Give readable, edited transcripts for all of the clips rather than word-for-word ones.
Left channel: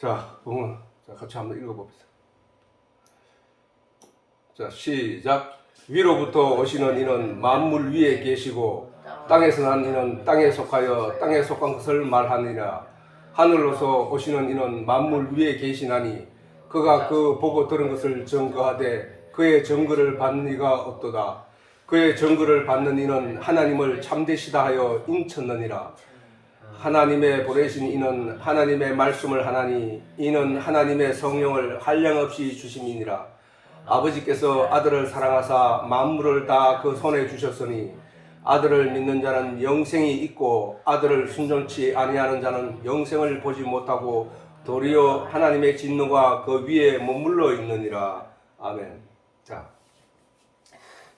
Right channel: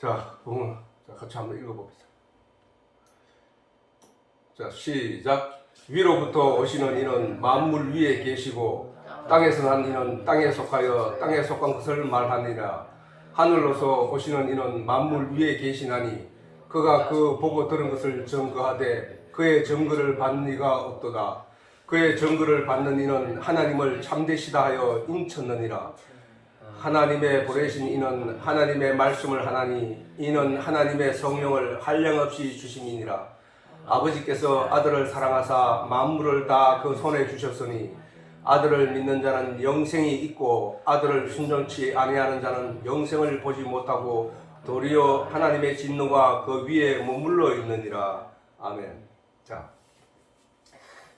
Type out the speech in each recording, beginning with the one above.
자, 같이 한번 읽어봅시다. 자, 시작. 위로부터 오시는 이는 만물 위에 계시고 땅에서 난 이는 땅에 속하여 땅에 속한 것을 말하니라. 하늘로서 오시는 이는 만물 위에 계시나니 그가 그 보고 들은 것을 증거하되 그의 증거를 받는 이가 없도다. 그의 증거를 받는 이는 하나님을 참되시다 하여 인쳤느니라. 하나님의 보내신 이는 하나님의 말씀을 하나니 이는 하나님의 성령을 한량없이 주심이니라. 아버지께서 아들을 사랑하사 만물을 다 그 손에 주셨으니 아들을 믿는 자는 영생이 있고 아들을 순종치 아니하는 자는 영생을 보지 못하고 도리어 하나님의 진노가 그 위에 머물러 있느니라. 아멘. 자,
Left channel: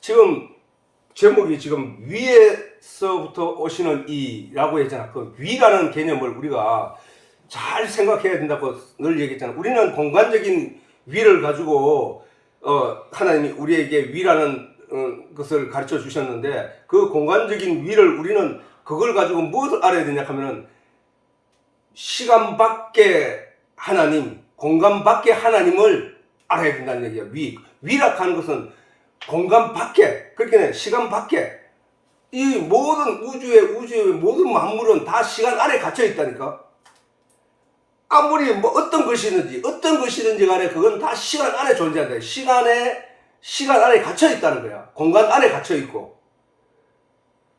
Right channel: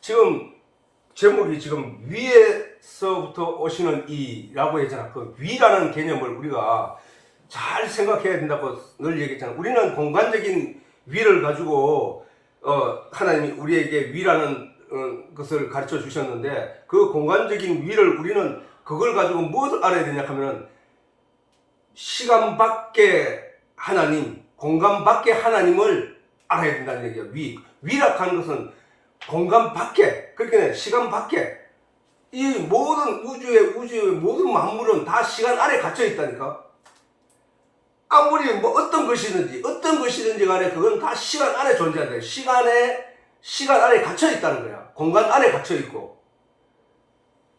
지금 제목이 지금 위에서부터 오시는 이라고 했잖아. 그 위라는 개념을 우리가 잘 생각해야 된다고 늘 얘기했잖아. 우리는 공간적인 위를 가지고 하나님이 우리에게 위라는 것을 가르쳐 주셨는데 그 공간적인 위를 우리는 그걸 가지고 무엇을 알아야 되냐 하면은 시간 밖에 하나님, 공간 밖에 하나님을 알아야 된다는 얘기야. 위라 하는 것은 공간 밖에, 그렇게 시간 밖에 이 모든 우주의 모든 만물은 다 시간 안에 갇혀 있다니까. 아무리 뭐 어떤 것이든지 간에 그건 다 시간 안에 존재한다. 시간 안에 갇혀 있다는 거야. 공간 안에 갇혀 있고.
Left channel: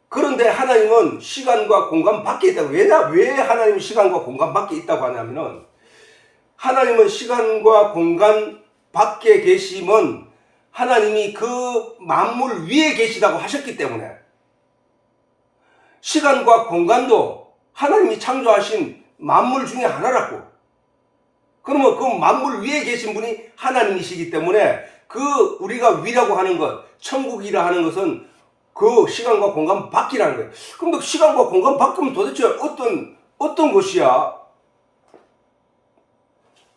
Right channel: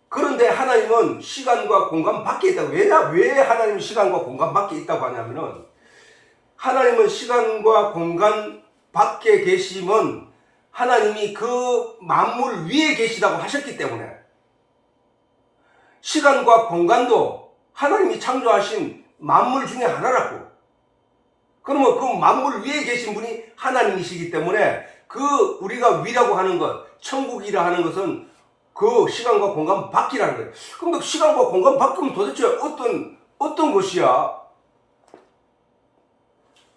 그런데 하나님은 시간과 공간 밖에 있다고. 왜 하나님이 시간과 공간 밖에 있다고 하냐면은 하나님은 시간과 공간 밖에 계시면 하나님이 그 만물 위에 계시다고 하셨기 때문에 시간과 공간도 하나님이 창조하신 만물 중에 하나라고. 그러면 그 만물 위에 계신 분이 하나님이시기 때문에 그 우리가 위라고 하는 것, 천국이라 하는 것은 그 시간과 공간 밖이라는 거예요. 그럼 그 시간과 공간 밖이면 도대체 어떤 곳이야?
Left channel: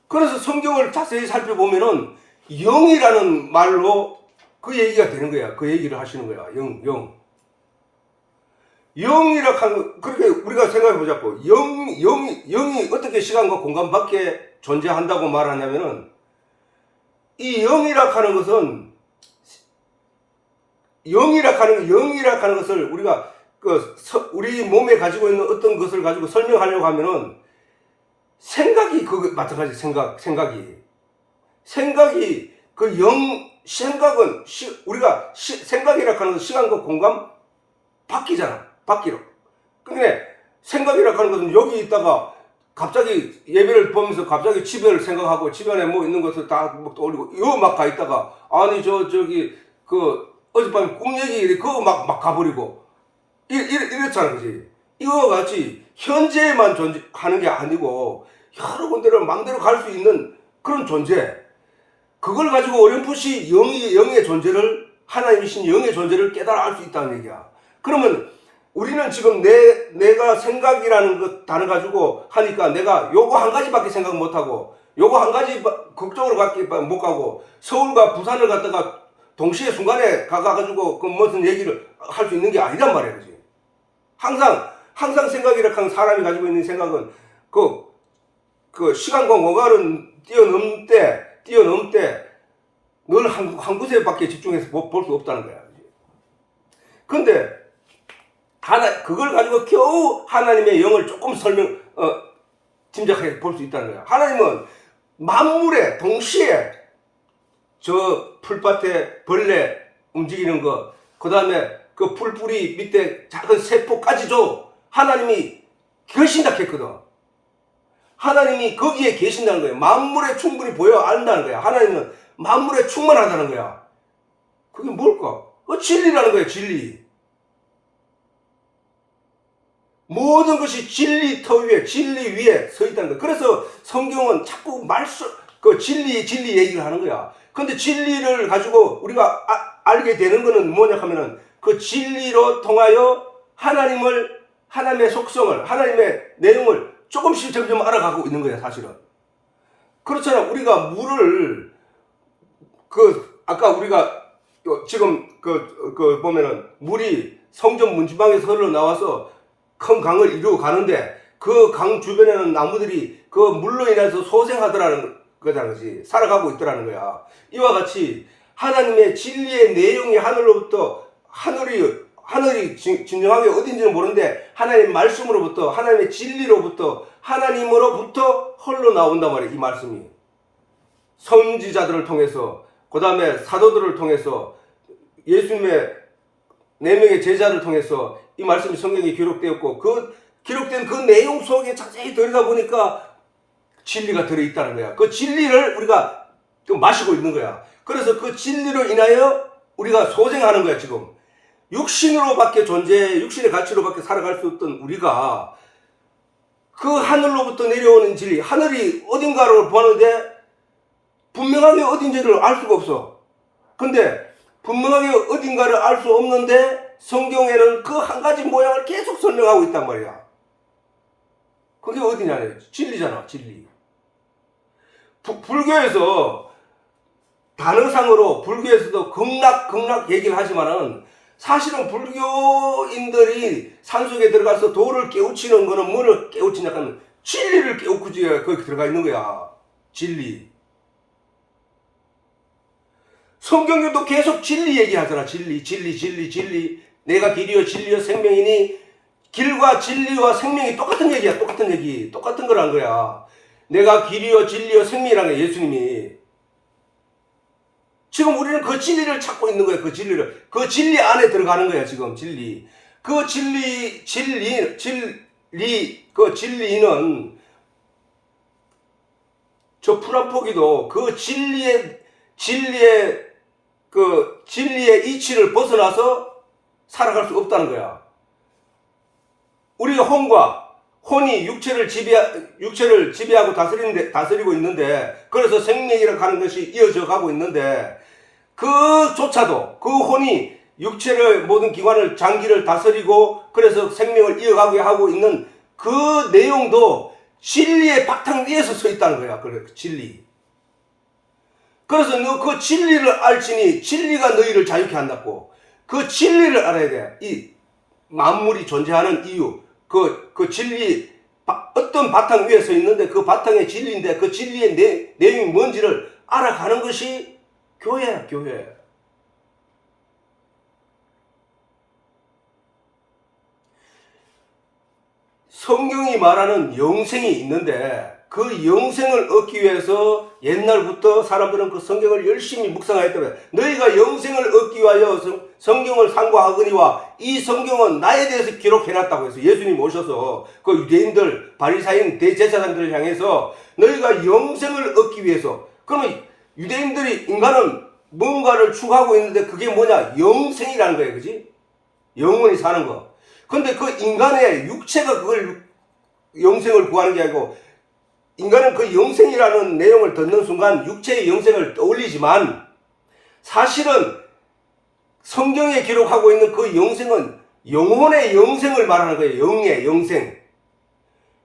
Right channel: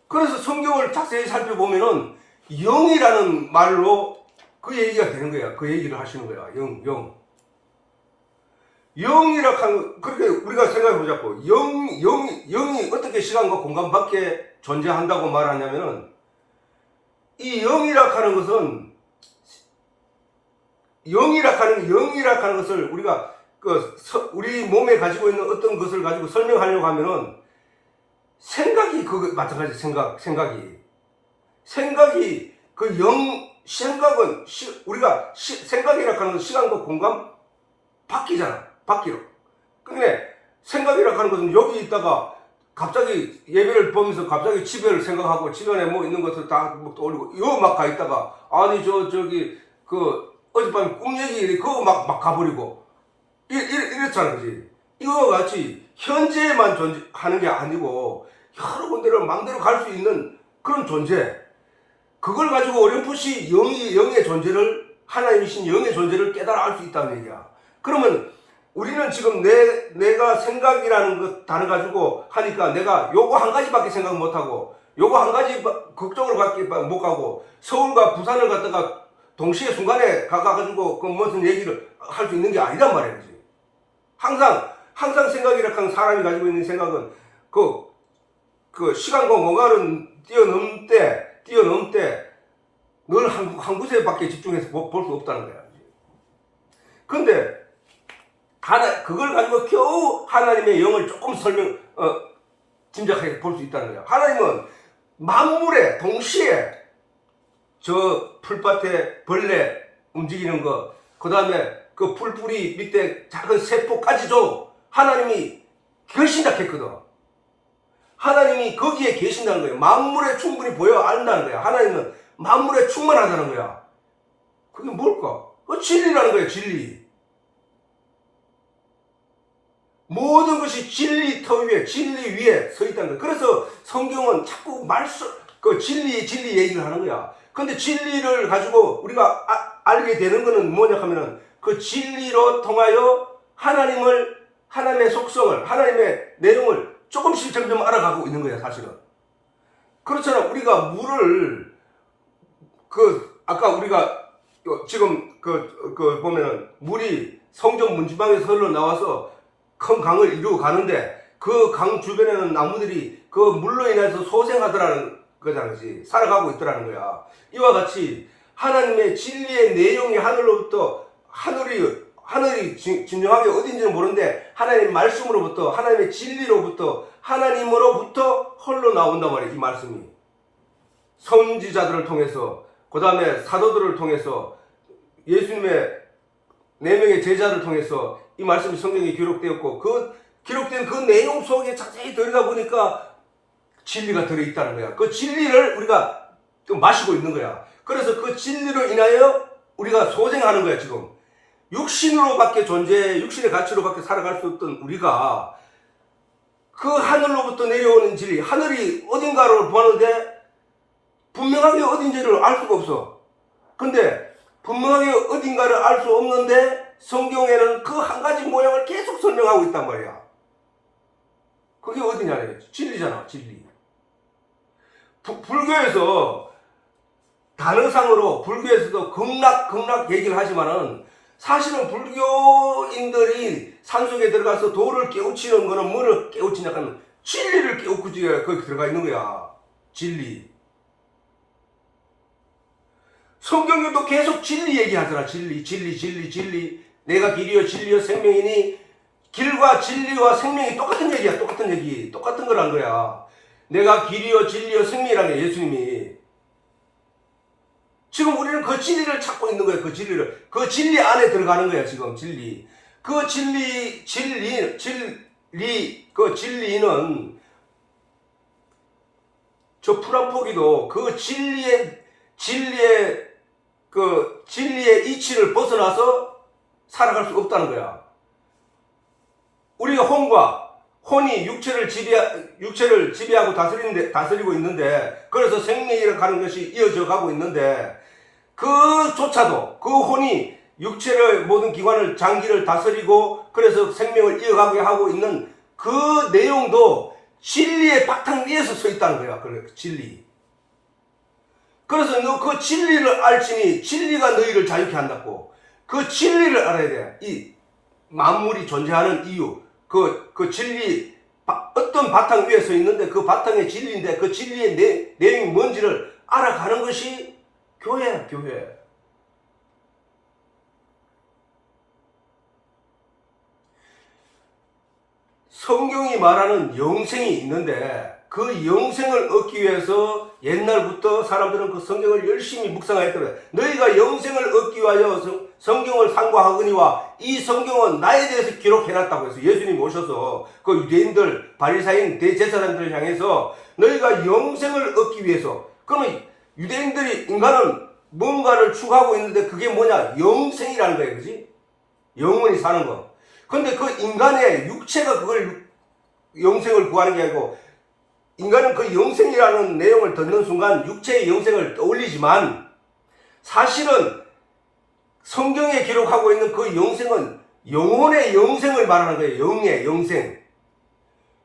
그래서 성경을 자세히 살펴보면은 영이라는 말로 그 얘기가 되는 거야. 그 얘기를 하시는 거야. 영. 영이라 하는, 그렇게 우리가 생각해 보자고. 영이 어떻게 시간과 공간 밖에 존재한다고 말하냐면은, 이 영이라 하는 것은, 영이라 하는 것을 우리가, 우리 몸에 가지고 있는 어떤 것을 가지고 설명하려고 하면은, 생각이, 마찬가지 생각이, 생각은, 우리가 생각이라 하는 것은 시간과 공간 바뀌잖아. 바뀌어. 그러니까 생각이라 하는 것은 여기 있다가 갑자기 예배를 보면서 갑자기 집에를 생각하고 집안에 뭐 있는 것을 다 떠올리고 요 막 가 있다가 아니 저기 어젯밤에 꿈 얘기 그거 막 가버리고 이렇잖아. 그지? 이거와 같이 현재에만 존재하는 게 아니고 여러 군데로 망대로 갈 수 있는 그런 존재. 그걸 가지고 어렴풋이 영의 존재를 하나님이신 영의 존재를 깨달아 알 수 있다는 얘기야. 그러면 우리는 지금 내가 생각이라는 것 단어 가지고 하니까 내가 요거 한 가지밖에 생각 못 하고 요거 한 가지 걱정으로 밖에 못 가고 서울과 부산을 갔다가 동시에 순간에 가가지고 그 무슨 얘기를 할 수 있는 게 아니란 말이에요. 지금. 항상 생각이라 하는 사람이 가지고 있는 생각은 그 시간과 공간을 뛰어넘을 때 늘 한 곳에밖에 집중해서 볼 수 없다는 거야. 근데 그걸 가지고 겨우 하나님의 영을 조금 짐작해 볼 수 있다는 거야. 하나님은 만물에 동시에 저 풀밭에 벌레 움직이는 거, 그 다음에 그 풀뿌리 밑에 작은 세포까지도 하나님이 결신작했거든. 하나님이 거기에 계신다는 거예요. 만물에 충분히 보여 안다는 거야. 하나님은 만물에 충만하다는 거야. 그게 뭘까? 진리라는 거야. 진리. 모든 것이 진리 위에 서 있다는 거야. 그래서 성경은 자꾸 진리 얘기를 하는 거야. 근데 진리를 가지고 우리가 알게 되는 거는 뭐냐 하면은 그 진리로 통하여 하나님의 속성을, 하나님의 내용을 조금씩 점점 알아가고 있는 거야, 사실은. 그렇잖아. 우리가 물을, 아까 우리가 지금 보면은 물이 성전 문지방에서 흘러나와서 큰 강을 이루어 가는데 그 강 주변에는 나무들이 그 물로 인해서 소생하더라는 거잖아. 살아가고 있더라는 거야. 이와 같이 하나님의 진리의 내용이 하늘이 진정하게 어딘지는 모르는데 하나님의 말씀으로부터, 하나님의 진리로부터, 하나님으로부터 홀로 나온단 말이에요. 이 말씀이 선지자들을 통해서, 그 다음에 사도들을 통해서, 예수님의 4명의 제자를 통해서 이 말씀이 성경에 기록되었고, 그 기록된 그 내용 속에 자세히 들여다보니까 진리가 들어있다는 거야. 그 진리를 우리가 마시고 있는 거야. 그래서 그 진리로 인하여 우리가 소생하는 거야. 지금 육신으로밖에 육신의 가치로밖에 살아갈 수 없던 우리가 그 하늘로부터 내려오는 진리, 하늘이 어딘가로 보는데 분명하게 어딘지를 알 수가 없어. 근데 분명하게 어딘가를 알 수 없는데 성경에는 그 한 가지 모양을 계속 설명하고 있단 말이야. 그게 어디냐? 진리잖아, 진리. 불교에서 단어상으로 불교에서도 극락 얘기를 하지만은 사실은 불교인들이 산속에 들어가서 도를 깨우치는 거는 뭐를 깨우치냐면 진리를 깨우치지 거기 들어가 있는 거야. 진리. 성경에도 계속 진리 얘기하잖아. 진리. 내가 길이요 진리요 생명이니 길과 진리와 생명이 똑같은 얘기야. 똑같은 얘기. 똑같은 거란 거야. 내가 길이요 진리요 생명이라는 거야. 예수님이. 지금 우리는 그 진리를 찾고 있는 거예요. 그 진리를. 그 진리 안에 들어가는 거야. 지금 진리. 그 그 진리는 저 풀한포기도 그 진리의 이치를 벗어나서 살아갈 수 없다는 거야. 우리가 혼이 육체를 지배하고 다스리고 있는데, 그래서 생명이라고 하는 것이 이어져 가고 있는데, 그조차도 그 혼이 육체를, 모든 기관을, 장기를 다스리고 그래서 생명을 이어가게 하고 있는 그 내용도 진리의 바탕 위에서 서 있다는 거야. 그래, 진리. 그래서 너 그 진리를 알지니 진리가 너희를 자유케 한다고. 그 진리를 알아야 돼. 이 만물이 존재하는 이유, 그 진리, 어떤 바탕 위에 서 있는데 그 바탕의 진리인데 그 진리의 내용이 뭔지를 알아가는 것이 교회야, 교회. 성경이 말하는 영생이 있는데 그 영생을 얻기 위해서 옛날부터 사람들은 그 성경을 열심히 묵상하였거든. 너희가 영생을 얻기 위하여 성경을 상고하거니와 이 성경은 나에 대해서 기록해놨다고 해서 예수님이 오셔서 그 유대인들, 바리사인, 대제사장들을 향해서 너희가 영생을 얻기 위해서, 그러면 유대인들이, 인간은 뭔가를 추구하고 있는데 그게 뭐냐? 영생이라는 거예요. 그지? 영원히 사는 거. 근데 그 인간의 육체가 그걸 영생을 구하는 게 아니고, 인간은 그 영생이라는 내용을 듣는 순간 육체의 영생을 떠올리지만 사실은 성경에 기록하고 있는 그 영생은 영혼의 영생을 말하는 거예요. 영의 영생.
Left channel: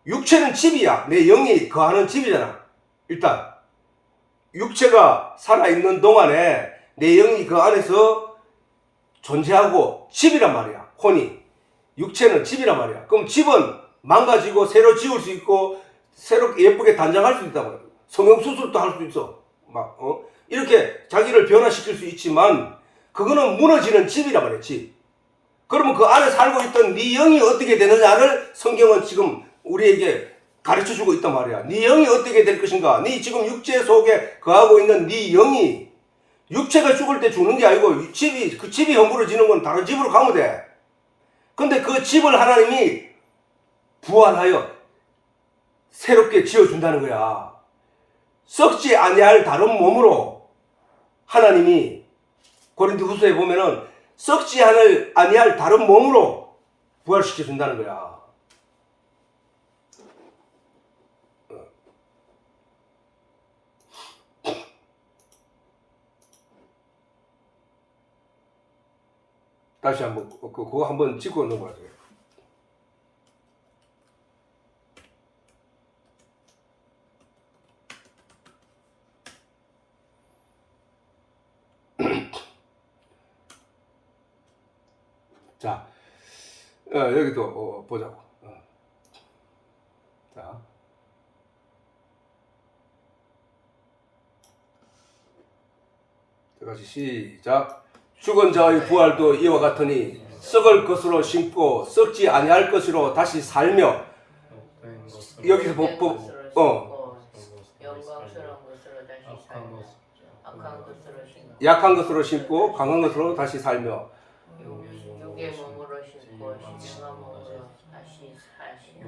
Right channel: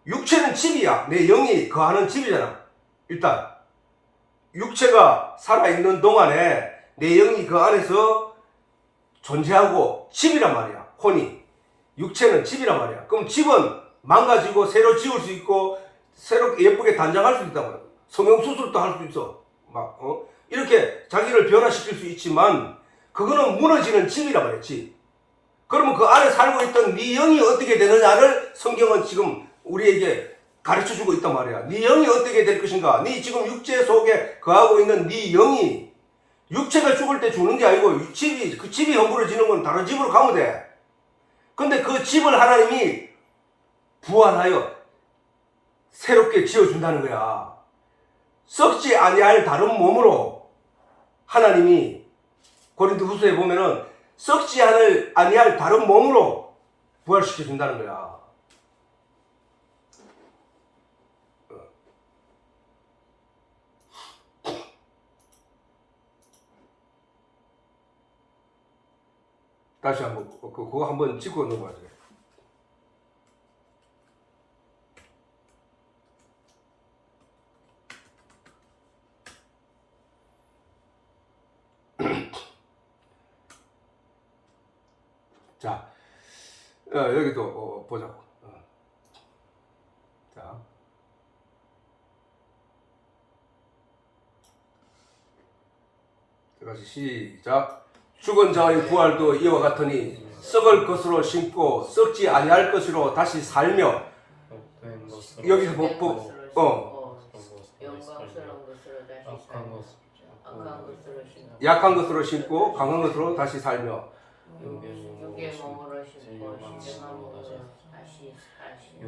육체는 집이야. 내 영이 거하는 집이잖아. 일단 육체가 살아있는 동안에 내 영이 그 안에서 존재하고 집이란 말이야. 혼이. 육체는 집이란 말이야. 그럼 집은 망가지고 새로 지을 수 있고 새롭게 예쁘게 단장할 수 있다고요. 성형수술도 할 수 있어. 이렇게 자기를 변화시킬 수 있지만 그거는 무너지는 집이란 말이야. 집. 그러면 그 안에 살고 있던 네 영이 어떻게 되느냐를 성경은 지금 우리에게 가르쳐주고 있단 말이야. 네 영이 어떻게 될 것인가. 네 지금 육체 속에 거하고 있는 네 영이, 육체가 죽을 때 죽는 게 아니고 그 집이 허물어지는 건 다른 집으로 가면 돼. 근데 그 집을 하나님이 부활하여 새롭게 지어준다는 거야. 썩지 아니할 다른 몸으로 하나님이, 고린도후서에 보면은 썩지 아니할 다른 몸으로 부활시켜준다는 거야. 다시 한번 그거 한번 짚고 넘어가세요. 자, 여기도 보자고. 다시 시작. 죽은 자의 부활도 이와 같으니 썩을 것으로 심고 썩지 아니할 것으로 다시 살며. 여기서 영광스러운 것으로 다시 살며 악한 것으로 심고 약한 것으로 심고 강한 것으로 다시 살며. 육의 몸으로 심고 신령한 몸으로 다시 사시며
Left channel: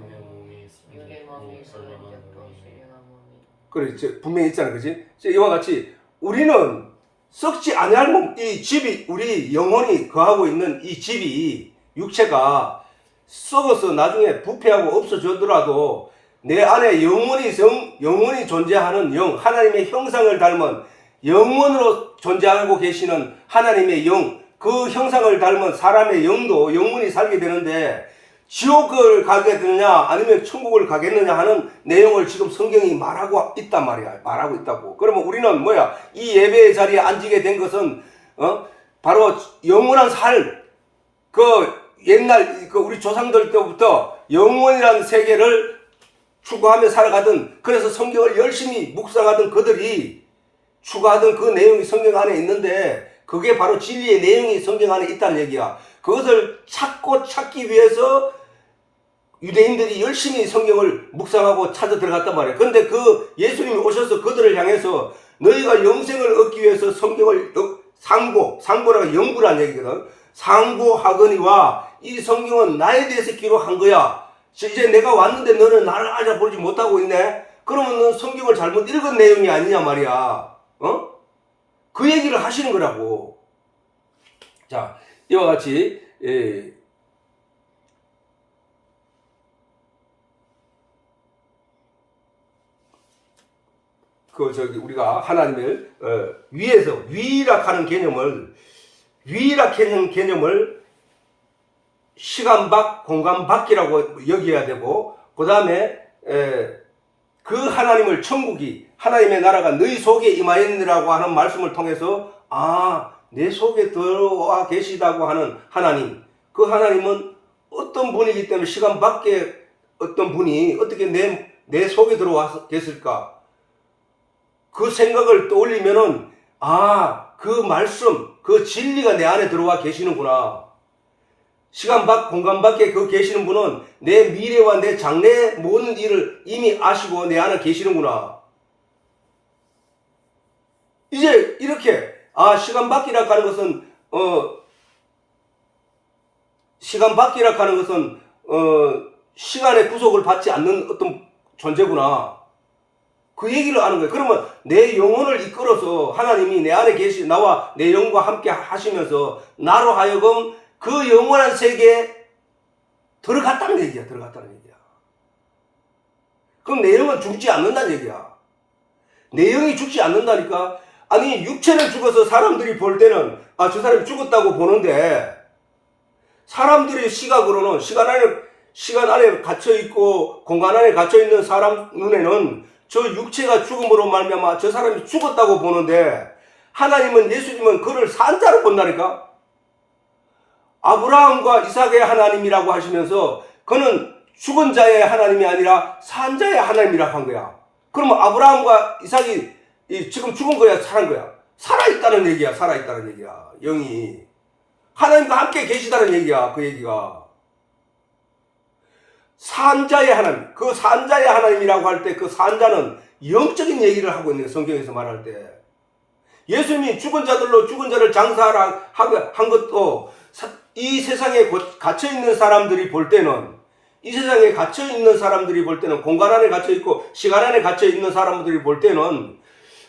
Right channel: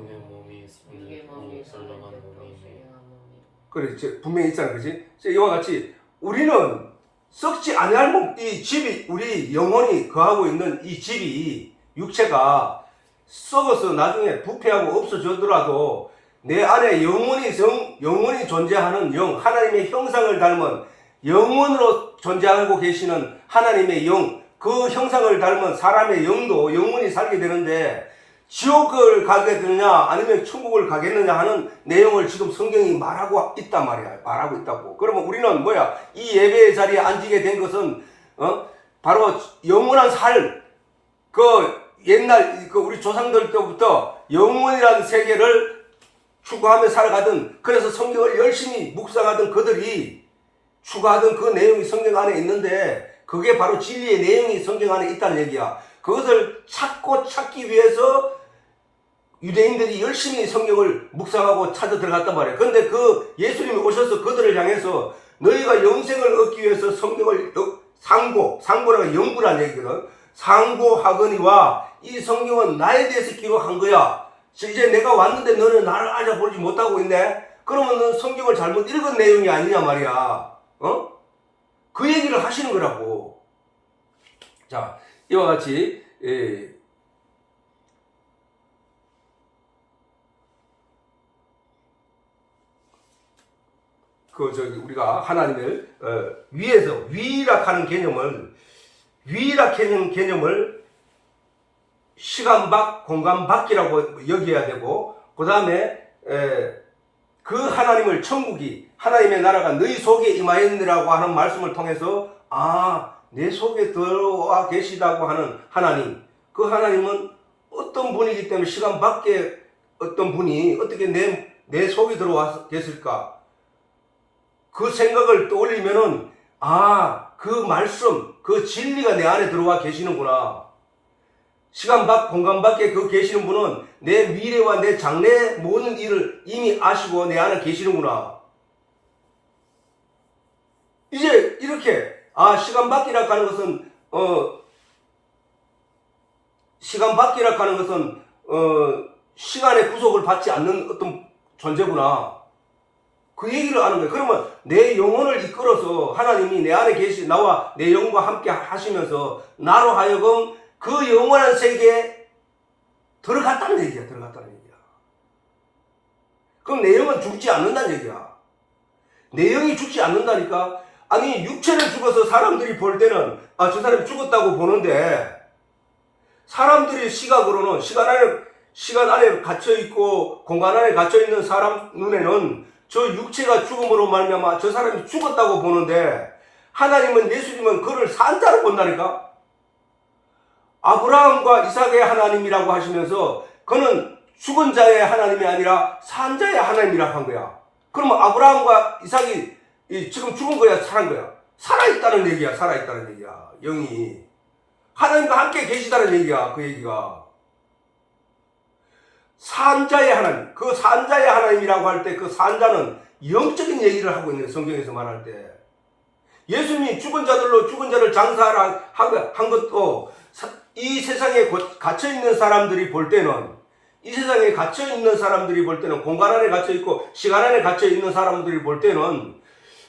육의 몸이 썩은 적도 신령한 몸이. 그래, 분명히 있잖아, 그지? 이와 같이 우리는 썩지 아니할 몸, 이 집이 우리 영혼이 거하고 있는 이 집이 육체가 썩어서 나중에 부패하고 없어지더라도 내 안에 영혼이 존재하는 영, 하나님의 형상을 닮은 영원으로 존재하고 계시는 하나님의 영, 그 형상을 닮은 사람의 영도 영원히 살게 되는데 지옥을 가게 되느냐 아니면 천국을 가겠느냐 하는 내용을 지금 성경이 말하고 있단 말이야. 말하고 있다고. 그러면 우리는 뭐야? 이 예배의 자리에 앉게 된 것은 바로 영원한 옛날 우리 조상들 때부터 영원이라는 세계를 추구하며 살아가던, 그래서 성경을 열심히 묵상하던 그들이 추구하던 그 내용이 성경 안에 있는데 그게 바로 진리의 내용이 성경 안에 있다는 얘기야. 그것을 찾기 위해서 유대인들이 열심히 성경을 묵상하고 찾아 들어갔단 말이에요. 그런데 그 예수님이 오셔서 그들을 향해서 너희가 영생을 얻기 위해서 성경을 상고라가 연구란 얘기거든. 상고하거니와 이 성경은 나에 대해서 기록한 거야. 이제 내가 왔는데 너는 나를 알아보지 못하고 있네. 그러면 넌 성경을 잘못 읽은 내용이 아니냐 말이야. 그 얘기를 하시는 거라고. 자, 이와 같이 우리가 하나님을 위에서 위락하는 개념을 시간 밖, 공간 밖이라고 여겨야 되고, 그 다음에 그 하나님을 천국이 하나님의 나라가 너희 속에 임하였느라고 하는 말씀을 통해서 내 속에 들어와 계시다고 하는 하나님, 그 하나님은 어떤 분이기 때문에 시간 밖에 어떤 분이 어떻게 내 속에 들어와 계실까? 그 생각을 떠올리면은 그 말씀, 그 진리가 내 안에 들어와 계시는구나. 시간 밖, 공간 밖에 계시는 분은 내 미래와 내 장래 모든 일을 이미 아시고 내 안에 계시는구나. 이제 이렇게 시간 밖이라 하는 것은 시간의 구속을 받지 않는 어떤 존재구나. 그 얘기를 하는 거예요. 그러면 내 영혼을 이끌어서 하나님이 내 안에 나와 내 영과 함께 하시면서 나로 하여금 그 영원한 세계에 들어갔다는 얘기야. 그럼 내 영은 죽지 않는다는 얘기야. 내 영이 죽지 않는다니까. 아니, 육체는 죽어서 사람들이 볼 때는 저 사람이 죽었다고 보는데, 사람들이 시각으로는 시간 안에 갇혀있고 공간 안에 갇혀있는 사람 눈에는 저 육체가 죽음으로 말미암아 저 사람이 죽었다고 보는데, 하나님은, 예수님은 그를 산 자로 본다니까. 아브라함과 이삭의 하나님이라고 하시면서 그는 죽은 자의 하나님이 아니라 산 자의 하나님이라고 한 거야. 그러면 아브라함과 이삭이 지금 죽은 거야, 살은 거야? 살아있다는 얘기야. 영이 하나님과 함께 계시다는 얘기야. 그 얘기가 산자의 하나님, 그 산자의 하나님이라고 할 때 그 산자는 영적인 얘기를 하고 있는, 성경에서 말할 때 예수님이 죽은 자를 장사하라 한 것도 이 세상에 갇혀있는 사람들이 볼 때는, 공간 안에 갇혀있고 시간 안에 갇혀있는 사람들이 볼 때는,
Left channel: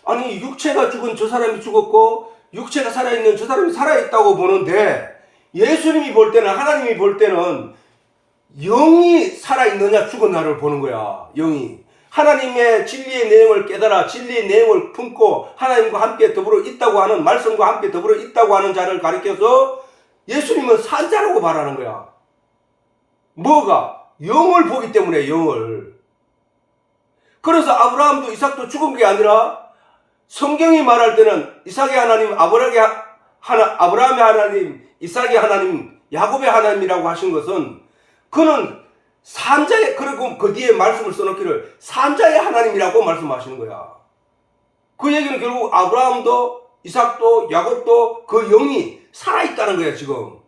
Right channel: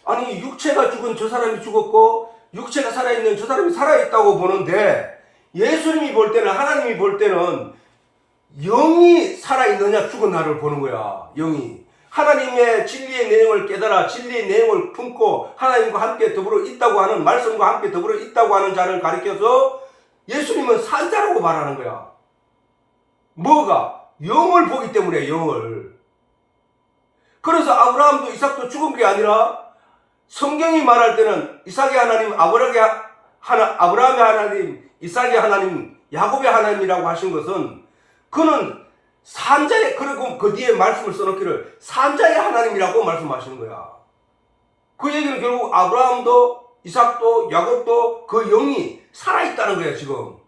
아니, 육체가 죽은 저 사람이 죽었고 육체가 살아있는 저 사람이 살아있다고 보는데, 예수님이 볼 때는, 하나님이 볼 때는 영이 살아있느냐 죽은 나를 보는 거야. 영이 하나님의 진리의 내용을 깨달아 진리의 내용을 품고 하나님과 함께 더불어 있다고 하는, 말씀과 함께 더불어 있다고 하는 자를 가리켜서 예수님은 산자라고 말하는 거야. 뭐가? 영을 보기 때문에, 영을. 그래서 아브라함도 이삭도 죽은 게 아니라 성경이 말할 때는 이삭의 하나님, 아브라함의 하나님, 이삭의 하나님, 야곱의 하나님이라고 하신 것은, 그는 산자의, 그리고 그 뒤에 말씀을 써놓기를 산자의 하나님이라고 말씀하시는 거야. 그 얘기는 결국 아브라함도 이삭도 야곱도 그 영이 살아있다는 거야 지금.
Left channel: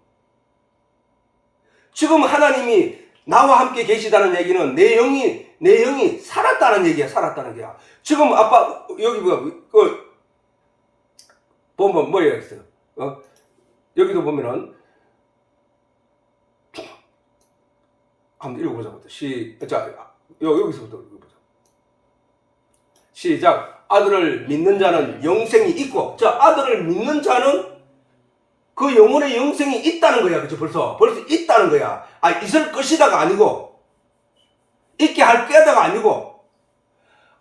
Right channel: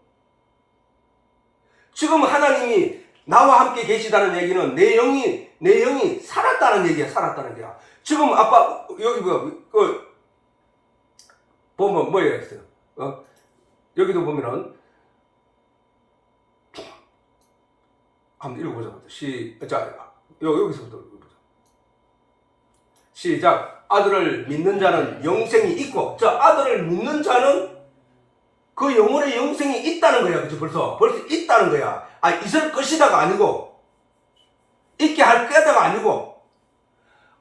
지금 하나님이 나와 함께 계시다는 얘기는 내 영이 살았다는 얘기야. 살았다는 거야. 지금 아빠 여기 보면 뭐예요? 여기도 보면은 한번 읽어보자. 여기서부터 읽어보자. 시작. 아들을 믿는 자는 영생이 있고, 자, 아들을 믿는 자는 그 영혼의 영생이 있다는 거야. 그치? 벌써 있다는 거야. 있을 것이다가 아니고, 있게 할 거다가 아니고,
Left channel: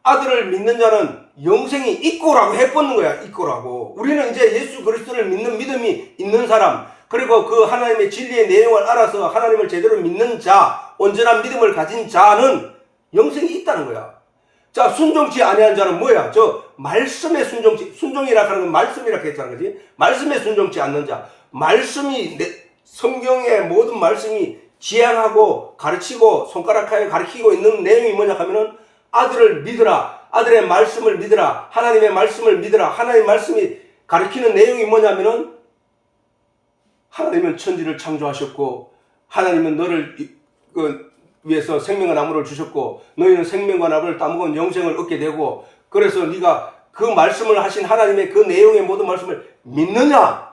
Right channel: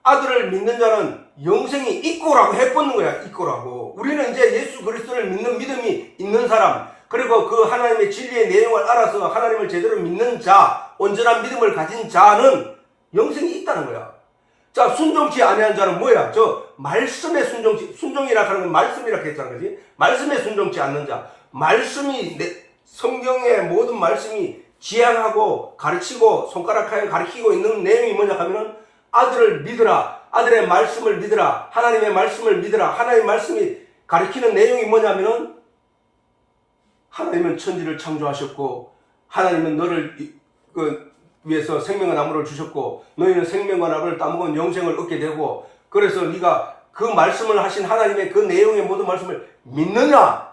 아들을 믿는 자는 영생이 있고라고 해보는 거야. 있고라고. 우리는 이제 예수 그리스도를 믿는 믿음이 있는 사람, 그리고 그 하나님의 진리의 내용을 알아서 하나님을 제대로 믿는 자, 온전한 믿음을 가진 자는 영생이 있다는 거야. 자, 순종치 아니한 자는 뭐야? 저 말씀에 순종이라 하는 건 말씀이라 했잖아, 그지? 말씀에 순종치 않는 자, 말씀이 성경의 모든 말씀이 지향하고 가르치고 손가락하여 가르치고 있는 내용이 뭐냐 하면은 아들을 믿으라, 아들의 말씀을 믿으라, 하나님의 말씀을 믿으라. 하나님의 말씀이 가르치는 내용이 뭐냐면은 하나님은 천지를 창조하셨고 하나님은 너를 위해서 생명과 나무를 주셨고 너희는 생명과 나무를 따먹은 영생을 얻게 되고, 그래서 네가 그 말씀을 하신 하나님의 그 내용의 모든 말씀을 믿느냐?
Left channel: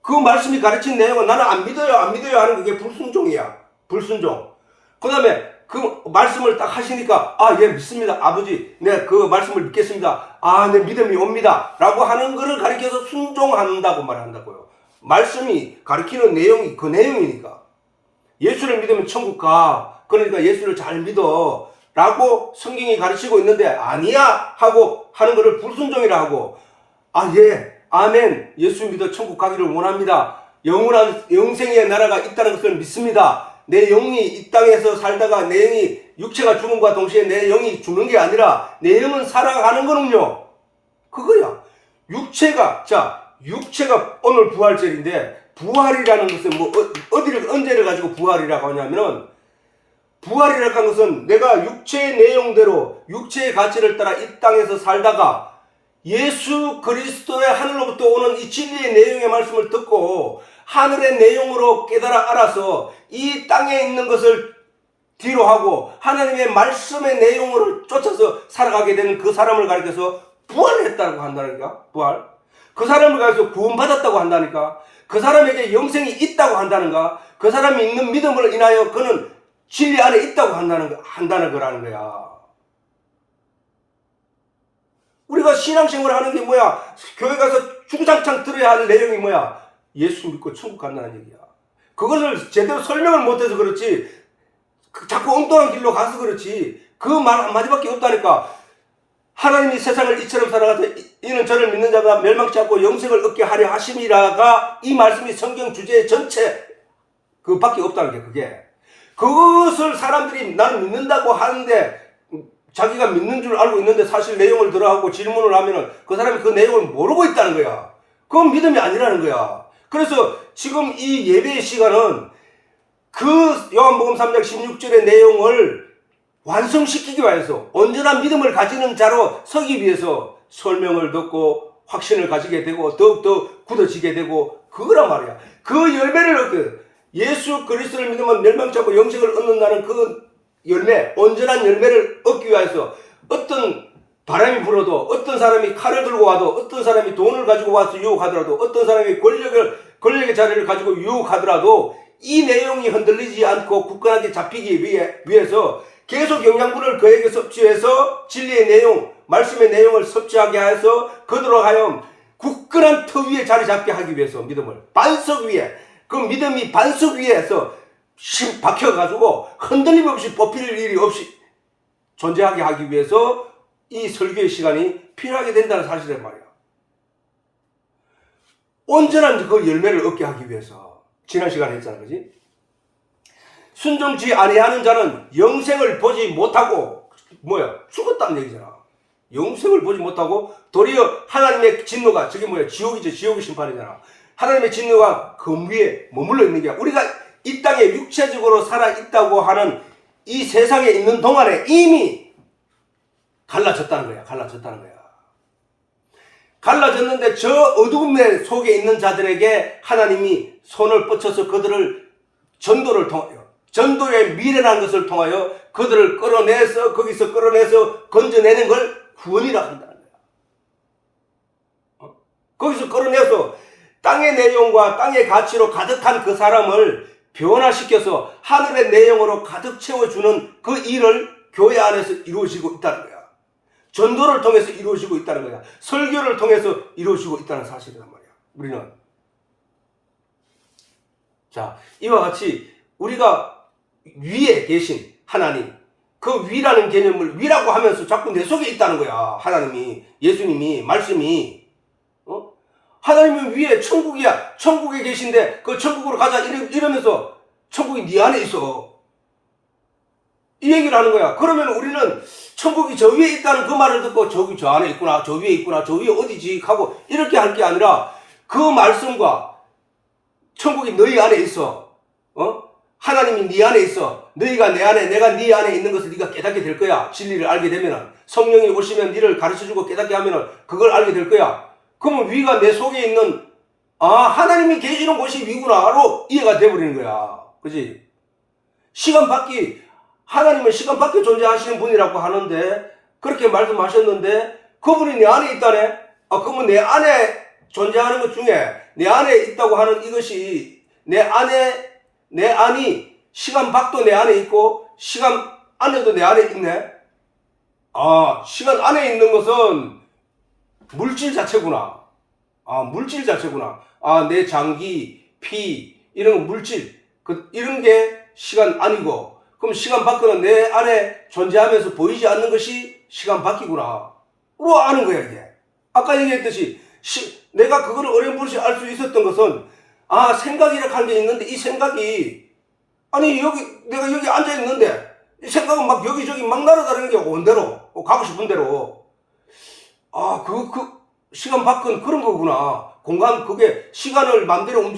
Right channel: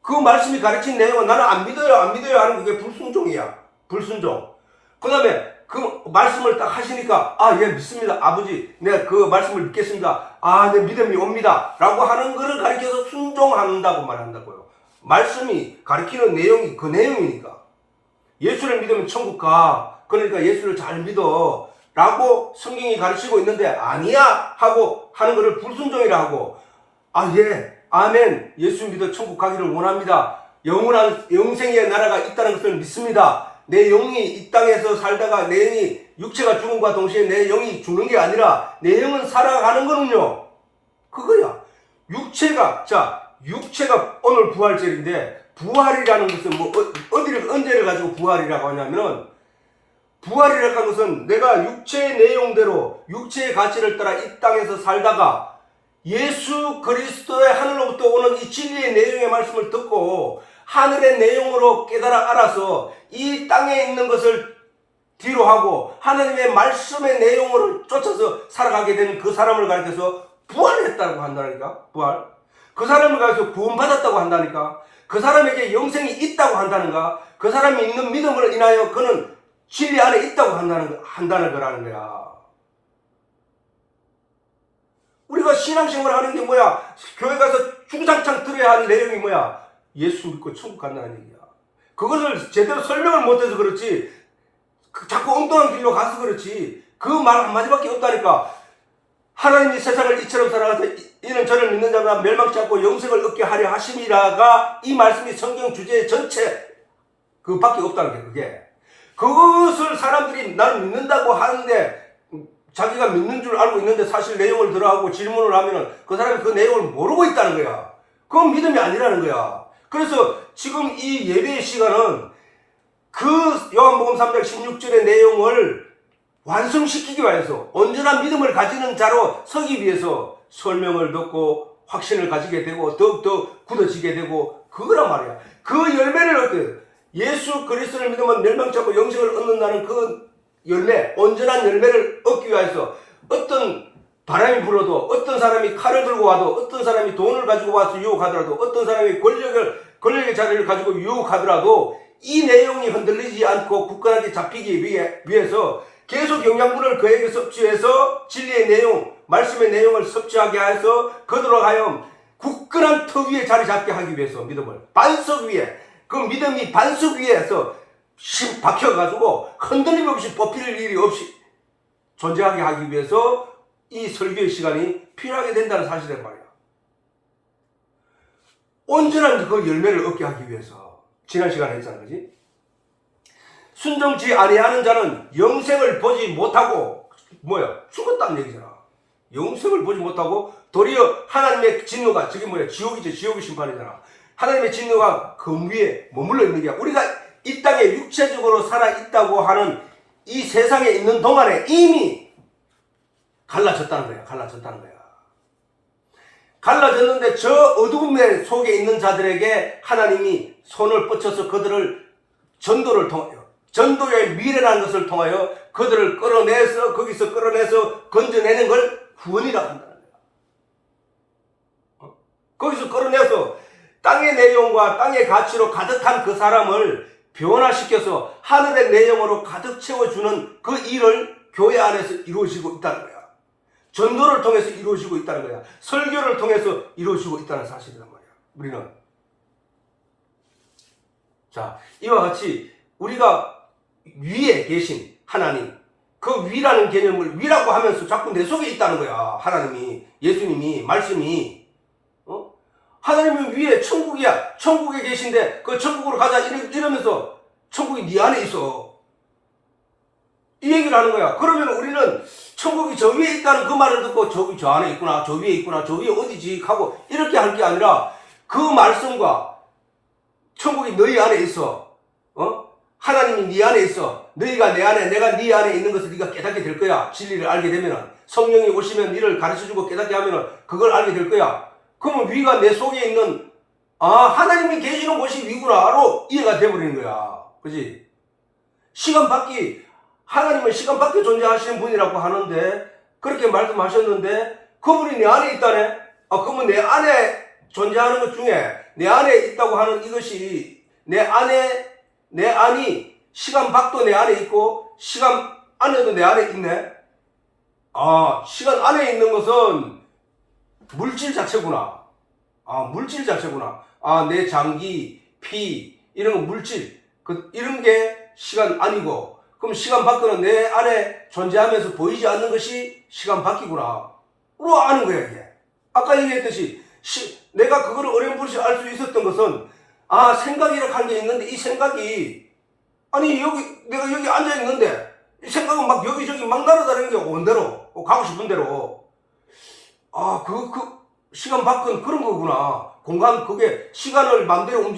그 말씀이 가르친 내용은 나는 안 믿어요 하는 그게 불순종이야. 불순종. 그 다음에 그 말씀을 딱 하시니까 예 믿습니다 아버지, 네 그 말씀을 믿겠습니다, 네 믿음이 옵니다 라고 하는 거를 가르쳐서 순종한다고 말한다고요. 말씀이 가르치는 내용이 그 내용이니까. 예수를 믿으면 천국 가, 그러니까 예수를 잘 믿어 라고 성경이 가르치고 있는데 아니야 하고 하는 것을 불순종이라 하고, 예 아멘 예수 믿어 천국 가기를 원합니다, 영원한 영생의 나라가 있다는 것을 믿습니다, 내 영이 이 땅에서 살다가 내 영이 육체가 죽음과 동시에 내 영이 죽는 게 아니라 내 영은 살아가는 거는요 그거야. 육체가 오늘 부활절인데, 부활이라는 것은 언제를 가지고 부활이라고 하냐면은, 부활이라고 하는 것은 내가 육체의 내용대로 육체의 가치를 따라 이 땅에서 살다가 예수 그리스도의 하늘로부터 오는 이 진리의 내용의 말씀을 듣고 하늘의 내용으로 깨달아 알아서 이 땅에 있는 것을 뒤로 하고 하나님의 말씀의 내용을 쫓아서 살아가게 되는 그 사람을 가리켜서 부활했다고 한다니까. 부활. 그 사람을 가리켜서 구원받았다고 한다니까. 그 사람에게 영생이 있다고 한다는가. 그 사람이 있는 믿음을 인하여 그는 진리 안에 있다고 한다는 거라는 거야. 우리가 신앙생활을 하는 게 뭐야? 교회 가서 중장창 들어야 할 내용이 뭐야? 예수 믿고 천국 간다는 얘기야. 그것을 제대로 설명을 못해서 그렇지, 자꾸 엉뚱한 길로 가서 그렇지, 그 말 한마디밖에 없다니까. 하나님이 세상을 이처럼 살아가서 이는 저를 믿는 자가 멸망치 않고 영생을 얻게 하려 하심이라가 이 말씀이 성경 주제 전체 그밖에 없다는 게 그게. 그것을 사람들이 나는 믿는다고 하는데 자기가 믿는 줄 알고 있는데 사실 내용을 들어하고 질문을 하면은 그 사람이 그 내용을 모르고 있다는 거야. 그건 믿음이 아니라는 거야. 그래서 지금 이 예배의 시간은 그 요한복음 3장 16절의 내용을 완성시키기 위해서 온전한 믿음을 가지는 자로 서기 위해서 설명을 듣고 확신을 가지게 되고 더욱더 굳어지게 되고 그거란 말이야. 그 열매를 얻게, 예수 그리스도를 믿으면 멸망치 않고 영생을 얻는다는 그 열매, 온전한 열매를 얻기 위해서 어떤 바람이 불어도, 어떤 사람이 칼을 들고 와도, 어떤 사람이 돈을 가지고 와서 유혹하더라도, 어떤 사람이 권력의 자리를 가지고 유혹하더라도 이 내용이 흔들리지 않고 굳건하게 잡히기 위해서 계속 영양분을 그에게 섭취해서 진리의 내용, 말씀의 내용을 섭취하게 해서 그들로 하여 굳건한 터 위에 자리 잡게 하기 위해서 믿음을 반석 위에, 그 믿음이 반석 위에서 박혀가지고 흔들림 없이 뽑힐 일이 없이 존재하게 하기 위해서 이 설교의 시간이 필요하게 된다는 사실이란 말이야. 온전한 그 열매를 얻게 하기 위해서 지난 시간에 했잖아, 그지? 순종치 아니하는 자는 영생을 보지 못하고 죽었다는 얘기잖아. 영생을 보지 못하고 도리어 하나님의 진노가, 저게 지옥이죠. 지옥의 심판이잖아. 하나님의 진노가 금 위에 머물러 있는 게, 우리가 이 땅에 육체적으로 살아있다고 하는 이 세상에 있는 동안에 이미 갈라졌다는 거야. 갈라졌는데 저 어두움 속에 있는 자들에게 하나님이 손을 뻗쳐서 그들을 전도를 통하여, 전도의 미련한 것을 통하여 그들을 끌어내서, 거기서 끌어내서 건져내는 걸 구원이라 한다는 거야. 거기서 끌어내서 땅의 내용과 땅의 가치로 가득한 그 사람을 변화시켜서 하늘의 내용으로 가득 채워주는 그 일을 교회 안에서 이루어지고 있다는 거야. 전도를 통해서 이루어지고 있다는 거야. 설교를 통해서 이루어지고 있다는 사실이란 말이야. 우리는. 자, 이와 같이 우리가 위에 계신 하나님, 그 위라는 개념을 위라고 하면서 자꾸 내 속에 있다는 거야. 하나님이, 예수님이, 말씀이. 하나님은 위에 천국이야. 천국에 계신데 그 천국으로 가자 이러면서 천국이 네 안에 있어. 이 얘기를 하는 거야. 그러면 우리는 천국이 저 위에 있다는 그 말을 듣고 저기 저 안에 있구나, 저 위에 있구나, 저 위에 어디지 하고 이렇게 할 게 아니라 그 말씀과 천국이 너희 안에 있어. 하나님이 네 안에 있어. 너희가 내 안에, 내가 네 안에 있는 것을 네가 깨닫게 될 거야. 진리를 알게 되면은. 성령이 오시면 너를 가르쳐주고 깨닫게 하면은 그걸 알게 될 거야. 그러면 위가 내 속에 있는, 하나님이 계시는 곳이 위구나로 이해가 돼버리는 거야. 그지? 시간 밖이, 하나님은 시간 밖에 존재하시는 분이라고 하는데, 그렇게 말씀하셨는데, 그분이 내 안에 있다네? 그러면 내 안에 존재하는 것 중에, 내 안에 있다고 하는 이것이, 내 안이, 시간 밖도 내 안에 있고, 시간 안에도 내 안에 있네? 시간 안에 있는 것은 물질 자체구나. 물질 자체구나. 내 장기, 피, 이런 거 물질, 이런 게 시간 안이고, 그럼 시간 밖에는 내 안에 존재하면서 보이지 않는 것이 시간 밖이구나. 로 아는 거야, 이게. 아까 얘기했듯이, 내가 그거를 어렴풋이 알 수 있었던 것은, 생각이라고 하는 게 있는데, 이 생각이, 내가 여기 앉아있는데, 이 생각은 막 여기저기 막 날아다니는 게 온 대로, 가고 싶은 대로. 시간 밖은 그런 거구나. 공간, 그게 시간을 마음대로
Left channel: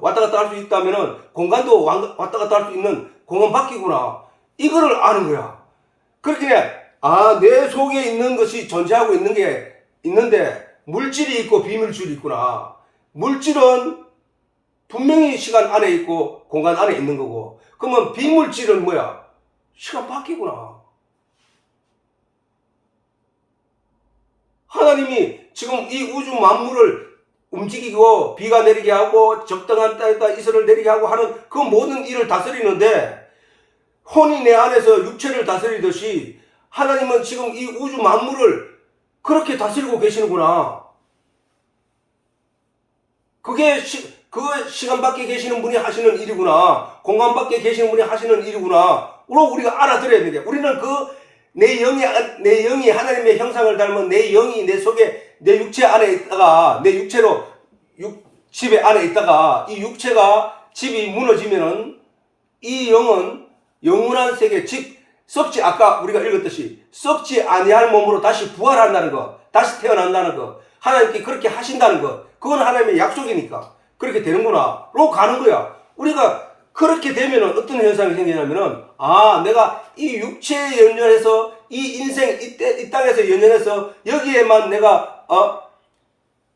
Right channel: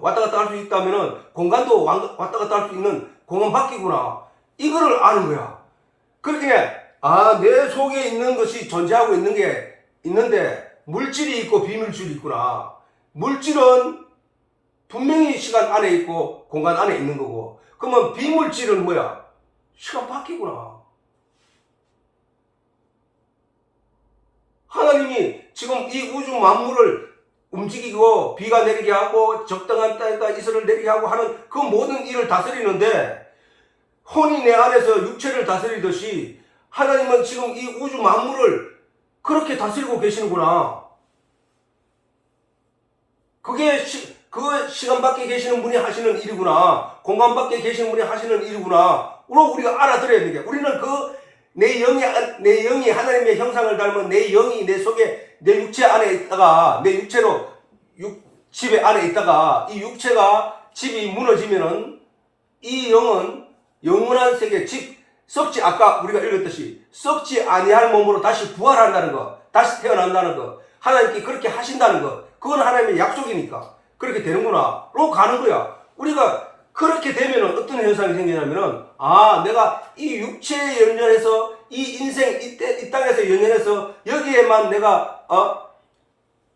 왔다 갔다 할 수 있다면은, 공간도 왔다 갔다 할 수 있는 공간 밖이구나. 이거를 아는 거야. 그렇게, 내 속에 있는 것이 존재하고 있는 게 있는데, 물질이 있고 비물질이 있구나. 물질은 분명히 시간 안에 있고, 공간 안에 있는 거고, 그러면 비물질은 뭐야? 시간 밖이구나. 하나님이 지금 이 우주 만물을 움직이고 비가 내리게 하고 적당한 땅에다 이슬을 내리게 하고 하는 그 모든 일을 다스리는데 혼이 내 안에서 육체를 다스리듯이 하나님은 지금 이 우주 만물을 그렇게 다스리고 계시는구나. 그게 시간 밖에 계시는 분이 하시는 일이구나. 공간 밖에 계시는 분이 하시는 일이구나. 우리가 알아들어야 되는 게 우리는 내 영이 하나님의 형상을 닮은 내 영이 내 속에 내 육체 안에 있다가 내 육체로 집에 안에 있다가 이 육체가 집이 무너지면은 이 영은 영원한 세계 아까 우리가 읽었듯이 썩지 아니할 몸으로 다시 부활한다는 거, 다시 태어난다는 거, 하나님께 그렇게 하신다는 거, 그건 하나님의 약속이니까 그렇게 되는구나로 가는 거야. 우리가 그렇게 되면은 어떤 현상이 생기냐면은 내가 이 육체에 연연해서 이 인생 이 땅에서 연연해서 여기에만 내가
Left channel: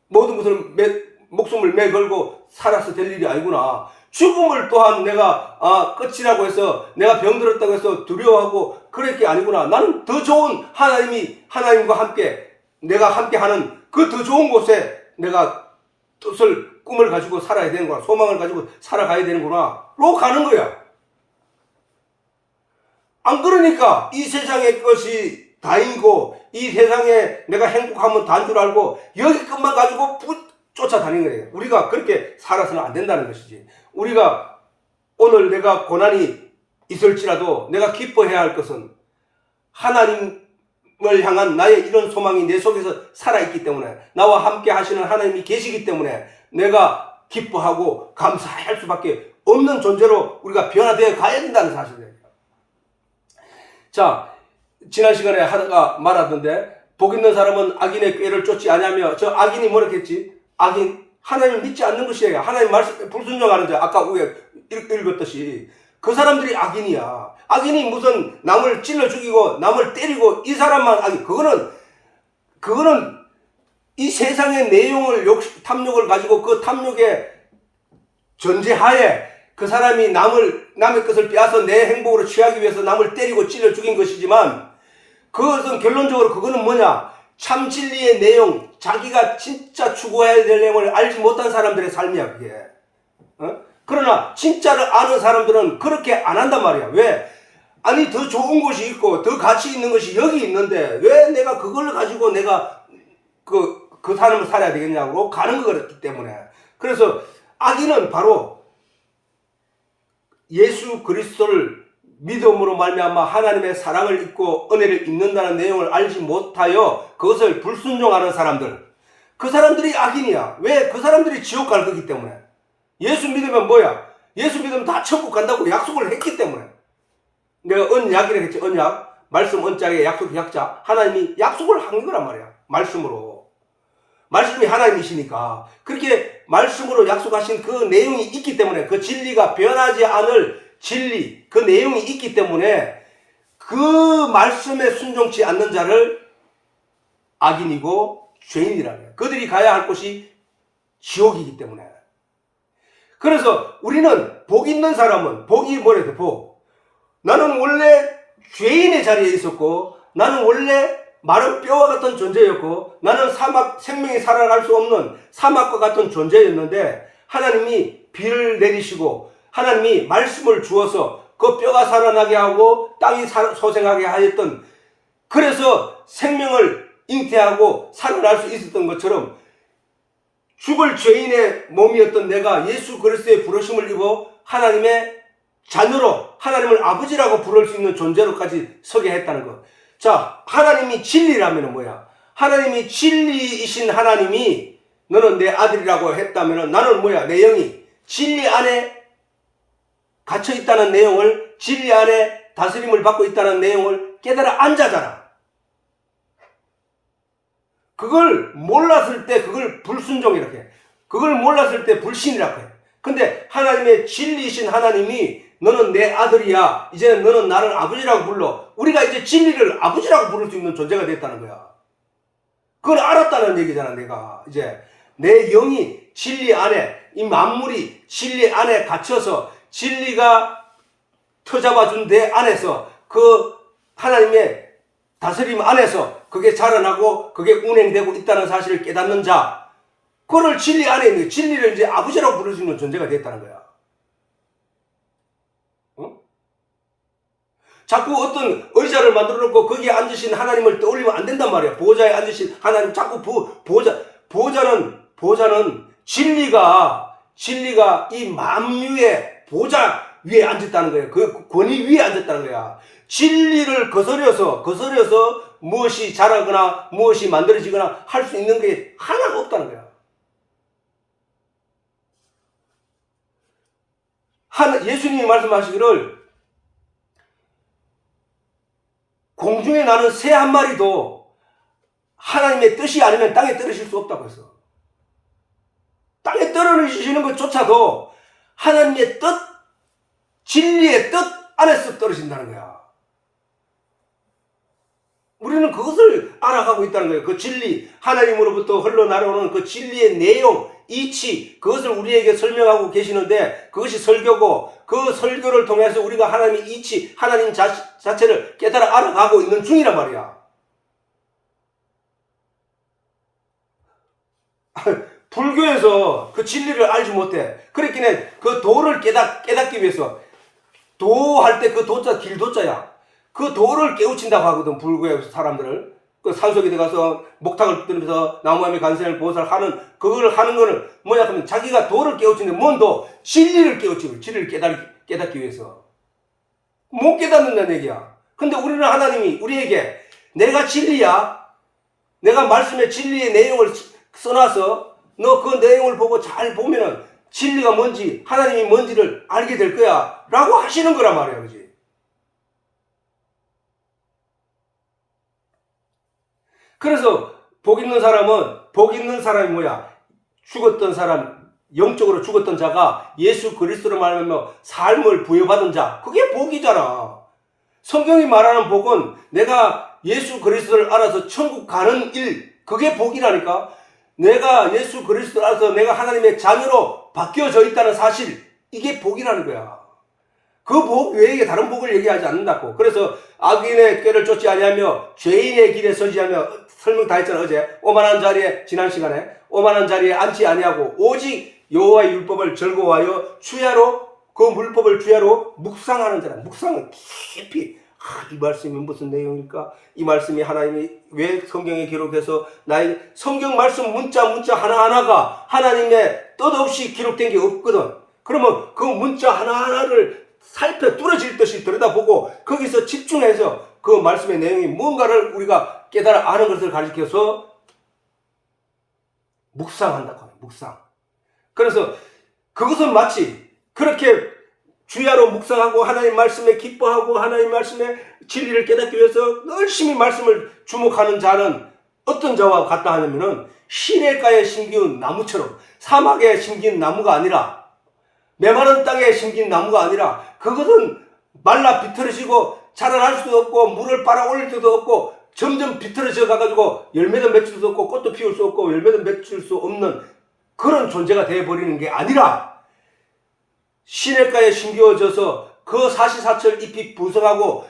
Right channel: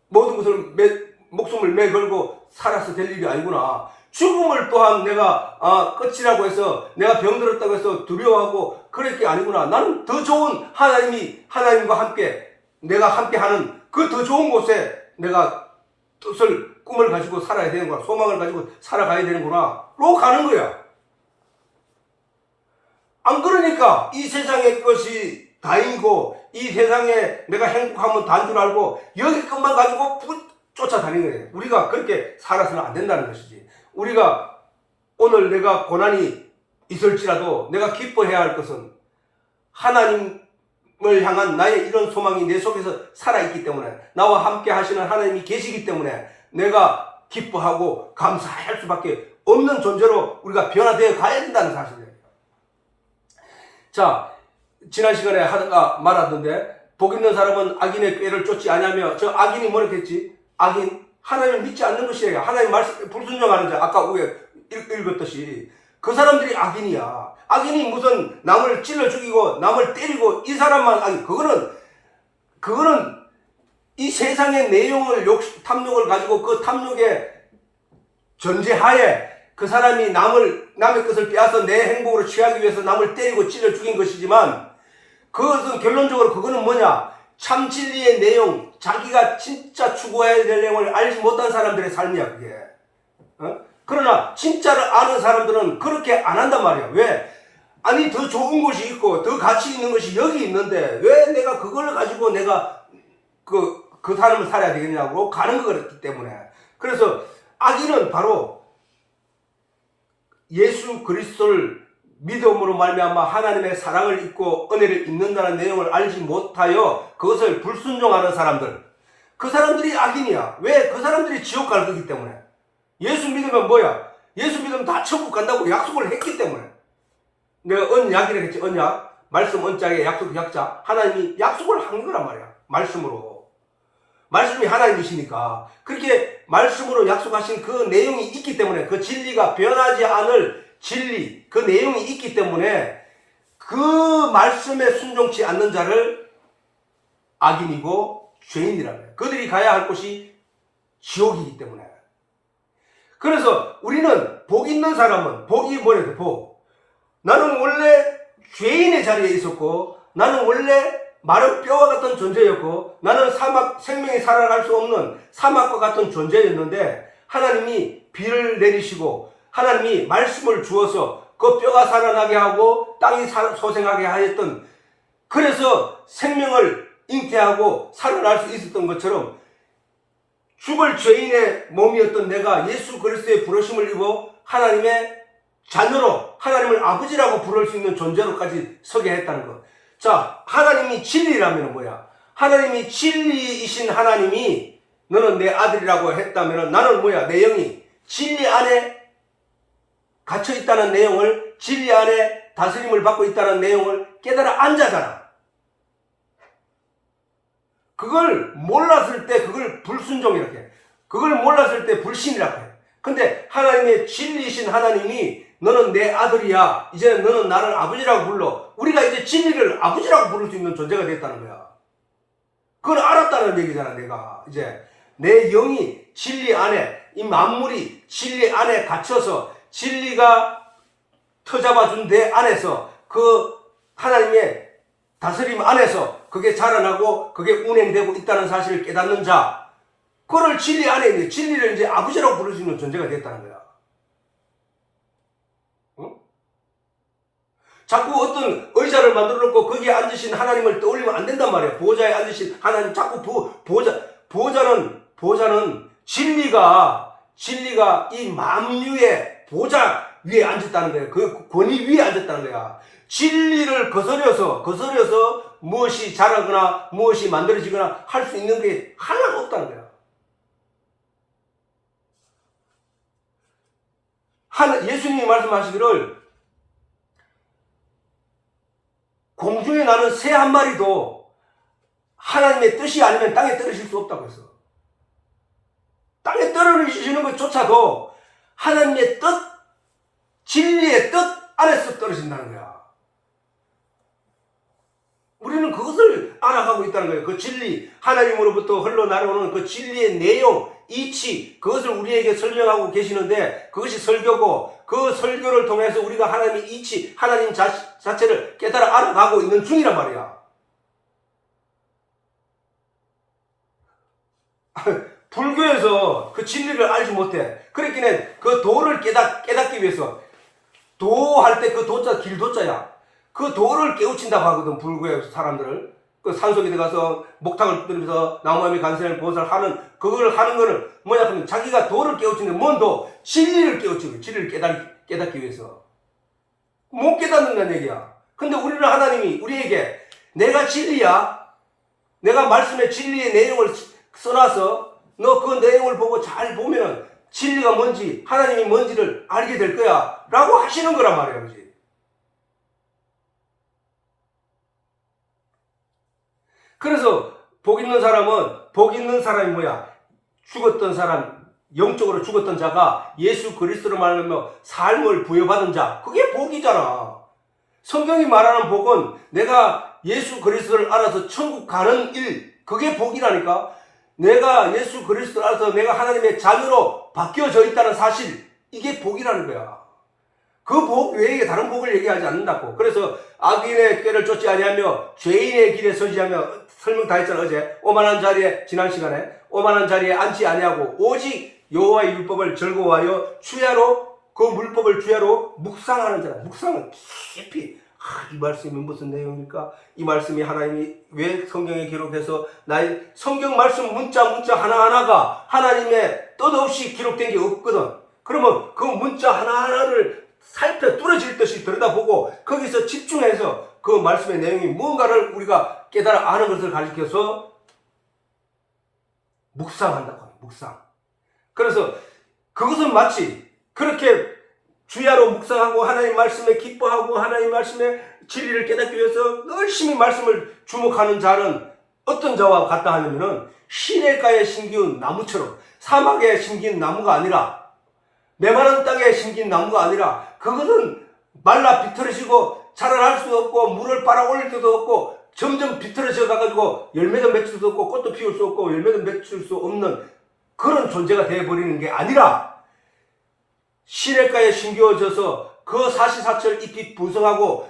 모든 것을 목숨을 매걸고 살아서 될 일이 아니구나. 죽음을 또한 내가 끝이라고 해서 내가 병들었다고 해서 두려워하고 그럴 게 아니구나. 나는 더 좋은 하나님과 함께 내가 함께하는 그 더 좋은 곳에 내가 꿈을 가지고 살아야 되는구나. 소망을 가지고 살아가야 되는구나. 로 가는 거야. 안 그러니까 이 세상의 것이 다이고 이 세상에 내가 행복하면 다인 줄 알고 여기 것만 가지고 쫓아다니는 거예요. 우리가 그렇게 살아서는 안 된다는 것이지. 우리가 오늘 내가 고난이 있을지라도 내가 기뻐해야 할 것은 하나님을 향한 나의 이런 소망이 내 속에서 살아있기 때문에 나와 함께 하시는 하나님이 계시기 때문에 내가 기뻐하고 감사할 수밖에 없는 존재로 우리가 변화되어 가야 된다는 사실이에요. 자, 지난 시간에 하다가 말하던데 복 있는 사람은 악인의 꾀를 쫓지 아니하며 저 악인이 뭐라 했지? 악인, 하나님을 믿지 않는 것이에요. 하나님 말씀 불순종하는 자, 아까 우리가 읽었듯이 그 사람들이 악인이야. 악인이 무슨 남을 찔러 죽이고 남을 때리고 이 사람만 악인. 그거는 이 세상의 내용을 탐욕을 가지고 그 탐욕의 전제하에 그 사람이 남의 것을 빼앗아 내 행복으로 취하기 위해서 남을 때리고 찔러 죽인 것이지만 그것은 결론적으로 그거는 뭐냐? 참 진리의 내용, 자기가 진짜 추구해야 될 내용을 알지 못한 사람들의 삶이야, 그게. 그러나 진짜를 아는 사람들은 그렇게 안 한단 말이야. 왜? 아니, 더 좋은 것이 있고 더 가치 있는 것이 여기 있는데 왜 내가 그걸 가지고 내가 그 삶을 살아야 되겠냐고 가는 거였기 때문에. 그래서 악인은 바로 예수 그리스도를 믿음으로 말미암아 하나님의 사랑을 잊고 은혜를 입는다는 내용을 알지 못하여 그것을 불순종하는 사람들, 그 사람들이 악인이야. 왜? 그 사람들이 지옥 갈 거기 때문에. 예수 믿으면 뭐야? 예수 믿으면 다 천국 간다고 약속을 했기 때문에. 내가 언약이라고 했지. 언약, 말씀 언자에 약속 약자. 하나님이 약속을 한 거란 말이야. 말씀으로. 말씀이 하나님이시니까 그렇게 말씀으로 약속하신 그 내용이 있기 때문에, 그 진리가 변하지 않을 진리, 그 내용이 있기 때문에 그 말씀에 순종치 않는 자를 악인이고 죄인이라고 해요. 그들이 가야 할 곳이 지옥이기 때문에. 그래서 우리는 복 있는 사람은, 복이 뭐래도 복. 나는 원래 죄인의 자리에 있었고, 나는 원래 마른 뼈와 같은 존재였고, 나는 생명이 살아갈 수 없는 사막과 같은 존재였는데, 하나님이 비를 내리시고 하나님이 말씀을 주어서 그 뼈가 살아나게 하고 땅이 소생하게 하였던, 그래서 생명을 잉태하고 살아날 수 있었던 것처럼 죽을 죄인의 몸이었던 내가 예수 그리스도의 부르심을 입어 하나님의 자녀로, 하나님을 아버지라고 부를 수 있는 존재로까지 서게 했다는 것. 자, 하나님이 진리라면 뭐야? 하나님이 진리이신 하나님이 너는 내 아들이라고 했다면 나는 뭐야? 내 영이 진리 안에 갇혀 있다는 내용을, 진리 안에 다스림을 받고 있다는 내용을 깨달아 앉아잖아. 그걸 몰랐을 때 그걸 불순종이라고 해. 그걸 몰랐을 때 불신이라고 해. 근데 하나님의 진리이신 하나님이 너는 내 아들이야. 이제 너는 나를 아버지라고 불러. 우리가 이제 진리를 아버지라고 부를 수 있는 존재가 됐다는 거야. 그걸 알았다는 얘기잖아. 내가 이제 내 영이 진리 안에, 이 만물이 진리 안에 갇혀서 진리가 터잡아준 내 안에서, 그 하나님의 다스림 안에서 그게 자라나고 그게 운행되고 있다는 사실을 깨닫는 자, 그걸 진리 안에 있는, 진리를 이제 아버지라고 부를 수 있는 존재가 됐다는 거야. 자꾸 어떤 의자를 만들어 놓고 거기에 앉으신 하나님을 떠올리면 안 된단 말이야. 보호자에 앉으신 하나님, 자꾸 보호자는 진리가 이 만유의 보호자 위에 앉았다는 거야. 그 권위 위에 앉았다는 거야. 진리를 거스려서 무엇이 자라거나 무엇이 만들어지거나 할 수 있는 게 하나도 없다는 거야. 예수님이 말씀하시기를 공중에 나는 새 한 마리도 하나님의 뜻이 아니면 땅에 떨어질 수 없다고 했어. 땅에 떨어지시는 것조차도 하나님의 뜻, 진리의 뜻 안에서 떨어진다는 거야. 우리는 그것을 알아가고 있다는 거예요. 그 진리, 하나님으로부터 흘러나오는 그 진리의 내용, 이치, 그것을 우리에게 설명하고 계시는데 그것이 설교고, 그 설교를 통해서 우리가 하나님의 이치, 하나님 자체를 깨달아 알아가고 있는 중이란 말이야. 불교에서 그 진리를 알지 못해. 그렇기는 그 도를 깨닫기 위해서, 도할 때 그 도자 길도자야. 그 도를 깨우친다고 하거든, 불교의 사람들을. 그 산속에 들어가서 목탁을 붙들면서 나무함의 간생을 보살하는, 그걸 하는 거는 뭐야 하면 자기가 도를 깨우치는, 뭔 도? 진리를 깨우치는, 진리를 깨닫기 위해서. 못 깨닫는다는 얘기야. 근데 우리는 하나님이 우리에게 내가 진리야, 내가 말씀의 진리의 내용을 써놔서 너 그 내용을 보고 잘 보면은 진리가 뭔지, 하나님이 뭔지를 알게 될 거야 라고 하시는 거란 말이야. 그지? 그래서 복 있는 사람이 뭐야? 죽었던 사람, 영적으로 죽었던 자가 예수 그리스도로 말하며 삶을 부여받은 자, 그게 복이잖아. 성경이 말하는 복은 내가 예수 그리스도를 알아서 천국 가는 일, 그게 복이라니까. 내가 예수 그리스도라서 내가 하나님의 자녀로 바뀌어져 있다는 사실, 이게 복이라는 거야. 그 복 외에 다른 복을 얘기하지 않는다고. 그래서 악인의 꾀를 쫓지 아니하며 죄인의 길에 서지 하며, 설명 다 했잖아 어제. 오만한 자리에, 지난 시간에 오만한 자리에 앉지 아니하고 오직 여호와의 율법을 즐거워하여 주야로, 그 물법을 주야로 묵상하는 자라. 묵상은 깊이, 이 말씀이 무슨 내용입니까? 이 말씀이 하나님이 왜 성경에 기록해서 나의 성경 말씀 문자 하나하나가 하나님의 뜻없이 기록된 게 없거든. 그러면 그 문자 하나하나를 살펴 뚫어질 듯이 들여다보고 거기서 집중해서 그 말씀의 내용이 뭔가를 우리가 깨달아 아는 것을 가리켜서 묵상한다고. 묵상. 그래서 그것은 마치 그렇게 주야로 묵상하고 하나님 말씀에 기뻐하고 하나님 말씀의 진리를 깨닫기 위해서 열심히 말씀을 주목하는 자는 어떤 자와 같다 하냐면은 시냇가에 심기운 나무처럼, 사막에 심긴 나무가 아니라, 메마른 땅에 심긴 나무가 아니라, 그것은 말라 비틀어지고 자라날 수도 없고 물을 빨아 올릴 수도 없고 점점 비틀어져 가지고 열매도 맺힐 수 없고 꽃도 피울 수 없고 열매도 맺힐 수 없는 그런 존재가 되어버리는 게 아니라, 시냇가에 심겨져서 그 사시사철 잎이 부성하고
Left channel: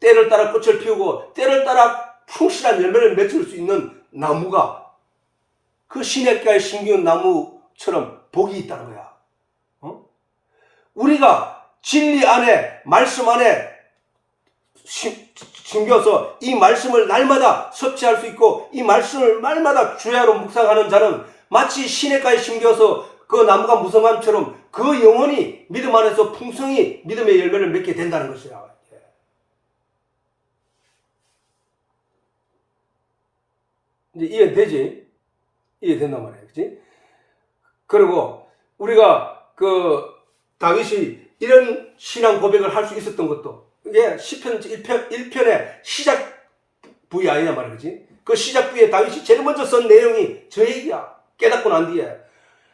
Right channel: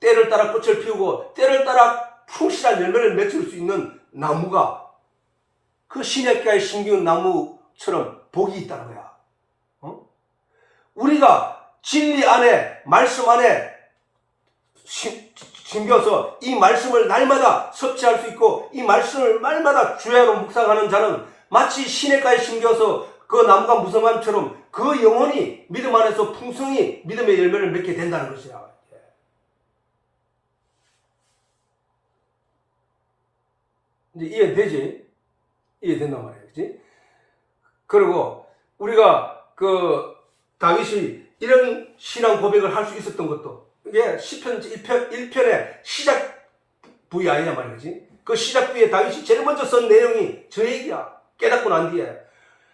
때를 따라 꽃을 피우고 때를 따라 충실한 열매를 맺을 수 있는 나무가 그 시냇가에 심겨온 나무처럼 복이 있다는 거야. 우리가 진리 안에, 말씀 안에 심겨서 이 말씀을 날마다 섭취할 수 있고 이 말씀을 날마다 주야로 묵상하는 자는 마치 시냇가에 심겨서 그 나무가 무성함처럼 그 영혼이 믿음 안에서 풍성히 믿음의 열매를 맺게 된다는 것이야. 이제 이해되지? 이해된단 말이야. 그치? 그리고 우리가 그 다윗이 이런 신앙 고백을 할 수 있었던 것도, 이게 시편 1편의 시작 부위 아니냐 말이지. 그 시작 부위에 다윗이 제일 먼저 쓴 내용이 저 얘기야. 깨닫고 난 뒤에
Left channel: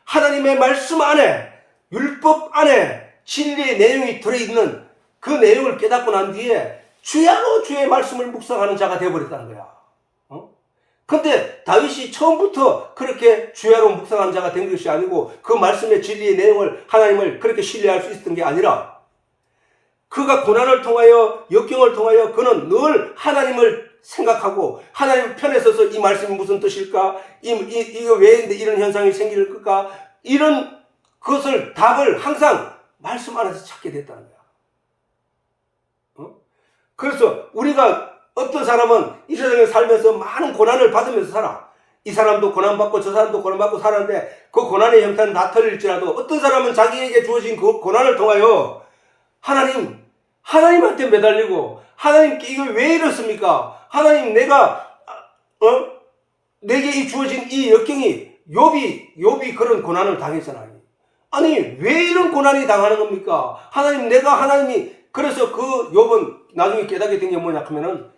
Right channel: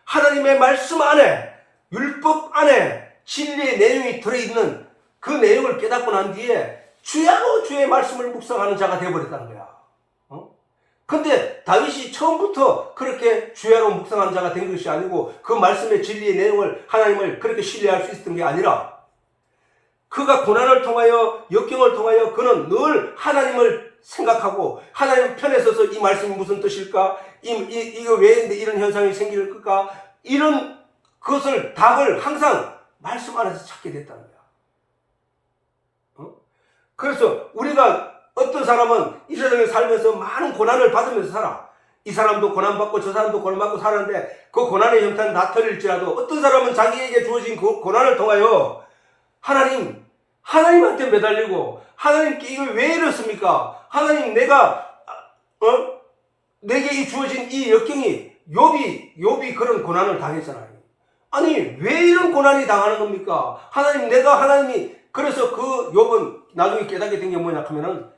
하나님의 말씀 안에, 율법 안에 진리의 내용이 들어있는 그 내용을 깨닫고 난 뒤에 주야로 주의 말씀을 묵상하는 자가 되어버렸다는 거야. 근데 다윗이 처음부터 그렇게 주야로 묵상하는 자가 된 것이 아니고 그 말씀의 진리의 내용을, 하나님을 그렇게 신뢰할 수 있었던 게 아니라, 그가 고난을 통하여, 역경을 통하여 그는 늘 하나님을 생각하고 하나님 편에 서서 이 말씀이 무슨 뜻일까? 이거 왜 이런 현상이 생길까? 이런 것을, 답을 항상 말씀 안에서 찾게 됐다는 거야. 그래서 우리가, 어떤 사람은 이 세상에 살면서 많은 고난을 받으면서 살아. 이 사람도 고난받고 저 사람도 고난받고 살았는데 그 고난의 형태는 다 틀릴지라도 어떤 사람은 자기에게 주어진 그 고난을 통하여 하나님한테 매달리고, 하나님께 이걸 왜 이렇습니까? 하나님, 내게 이 주어진 이 역경이, 욥이 그런 고난을 당했잖아요. 아니, 왜 이런 고난이 당하는 겁니까? 하나님이, 그래서 그 욥은 나중에 깨닫게 된 게 뭐냐 하면은,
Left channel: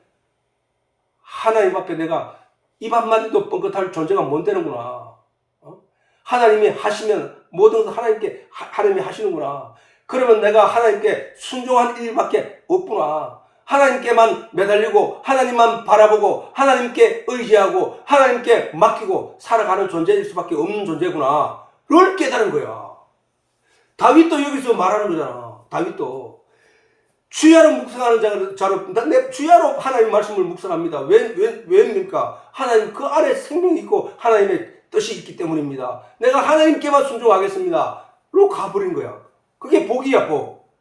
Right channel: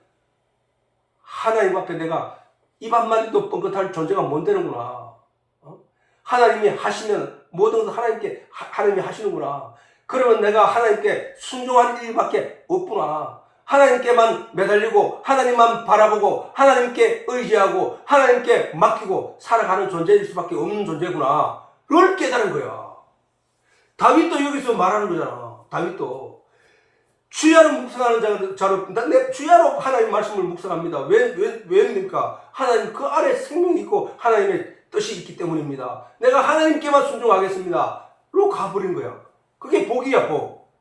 하나님 앞에 내가 입 한마디도 뻥긋할 존재가 못 되는구나. 하나님이 하시면 모든 것을 하나님이 하시는구나. 그러면 내가 하나님께 순종한 일밖에 없구나. 하나님께만 매달리고 하나님만 바라보고 하나님께 의지하고 하나님께 맡기고 살아가는 존재일 수밖에 없는 존재구나. 그걸 깨달은 거야. 다윗도 여기서 말하는 거잖아. 다윗도 주야로 묵상하는 자로, 내 주야로 하나님 말씀을 묵상합니다. 왜입니까? 하나님 그 안에 생명이 있고 하나님의 뜻이 있기 때문입니다. 내가 하나님께만 순종하겠습니다. 로 가버린 거야. 그게 복이야, 복.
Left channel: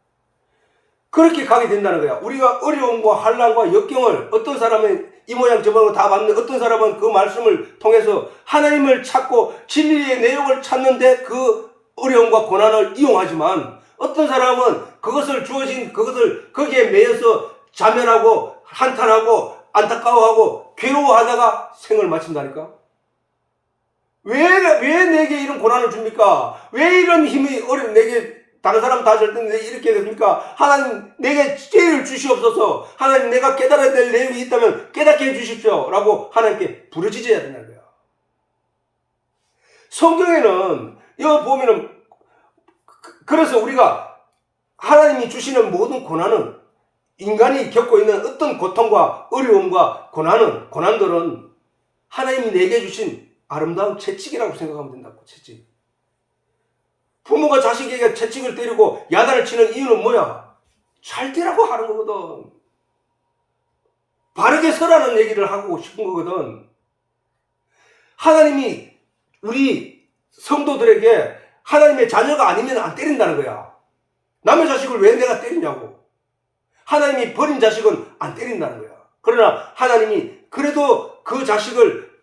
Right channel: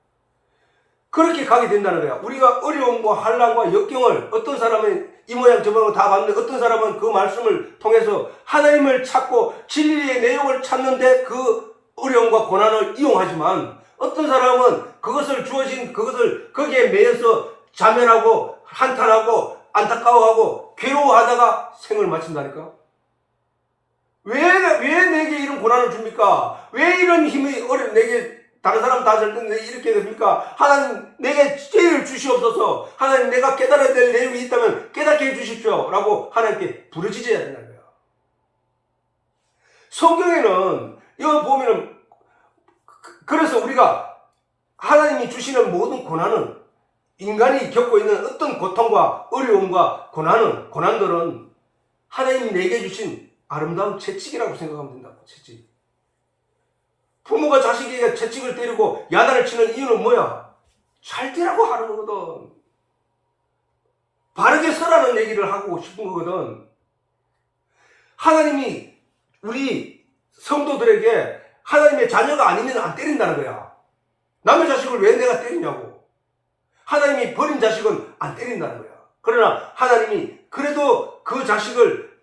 그렇게 가게 된다는 거야. 우리가 어려움과 환난과 역경을, 어떤 사람은 이 모양 저 모양 다 받는, 어떤 사람은 그 말씀을 통해서 하나님을 찾고 진리의 내용을 찾는데 그 어려움과 고난을 이용하지만, 어떤 사람은 그것을 거기에 매여서 자멸하고 한탄하고 안타까워하고 괴로워하다가 생을 마친다니까. 왜 내게 이런 고난을 줍니까? 왜 이런 힘이 내게, 다른 사람 다 줄 텐데 이렇게 됩니까? 하나님, 내게 지혜를 주시옵소서. 하나님, 내가 깨달아야 될 내용이 있다면 깨닫게 해주십시오. 라고 하나님께 부르짖어야 된다는 거야. 성경에는 여기 보면은, 그래서 우리가 하나님이 주시는 모든 고난은, 인간이 겪고 있는 어떤 고통과 어려움과 고난들은 하나님이 내게 주신 아름다운 채찍이라고 생각하면 된다고. 채찍. 부모가 자식에게 채찍을 때리고 야단을 치는 이유는 뭐야? 잘 되라고 하는 거거든. 바르게 서라는 얘기를 하고 싶은 거거든. 하나님이 우리 성도들에게 하나님의 자녀가 아니면 안 때린다는 거야. 남의 자식을 왜 내가 때리냐고. 하나님이 버린 자식은 안 때린다는 거야. 그러나 하나님이 그래도 그 자식을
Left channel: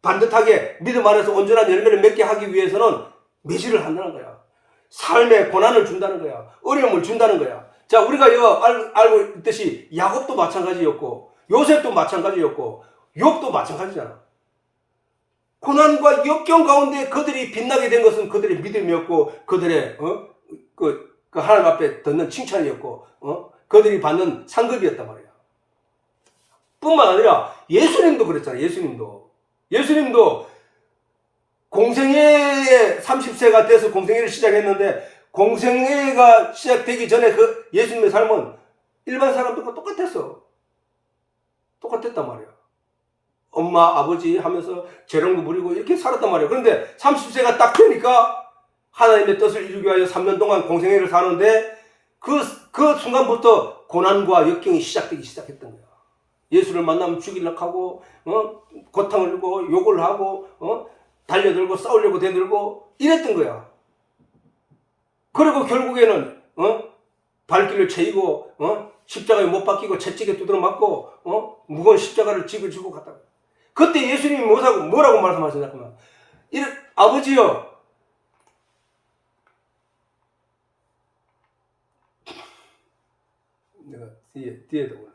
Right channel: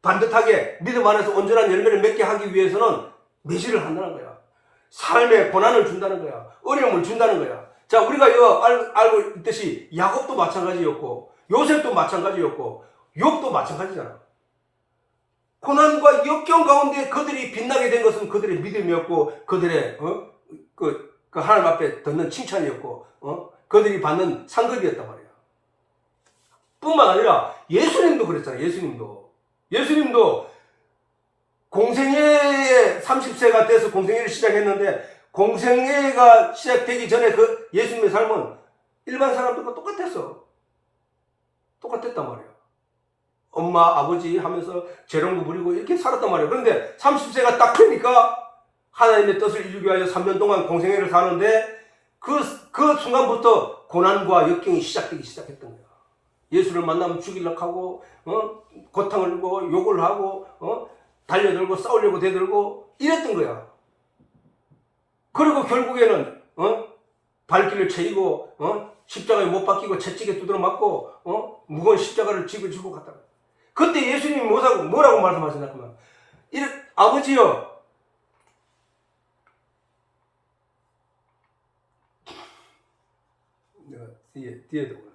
반듯하게 믿음 안에서 온전한 열매를 맺게 하기 위해서는 매질을 한다는 거야. 삶에 고난을 준다는 거야. 어려움을 준다는 거야. 자, 우리가 이거 알고 있듯이 야곱도 마찬가지였고 요셉도 마찬가지였고 욥도 마찬가지잖아. 고난과 역경 가운데 그들이 빛나게 된 것은 그들의 믿음이었고 그들의 그 하나님 앞에 듣는 칭찬이었고 그들이 받는 상급이었단 말이야. 뿐만 아니라 예수님도 그랬잖아. 예수님도 공생애에 30세가 돼서 공생애를 시작했는데 공생애가 시작되기 전에 그 예수님의 삶은 일반 사람들과 똑같았단 말이야. 엄마, 아버지 하면서 재롱도 부리고 이렇게 살았단 말이에요. 그런데 30세가 딱 되니까 하나님의 뜻을 이루기 위하여 3년 동안 공생애를 사는데 그 순간부터 고난과 역경이 시작했던 거야. 예수를 만나면 죽이려고 하고 고탕을 주고 욕을 하고 달려들고 싸우려고 대들고 이랬던 거야. 그리고 결국에는 발길을 채이고 십자가에 못 박히고 채찍에 두드려 맞고 무거운 십자가를 지고 갔다. 그때 예수님이 뭐라고 말씀하셨냐면 아버지여 내가 뒤에도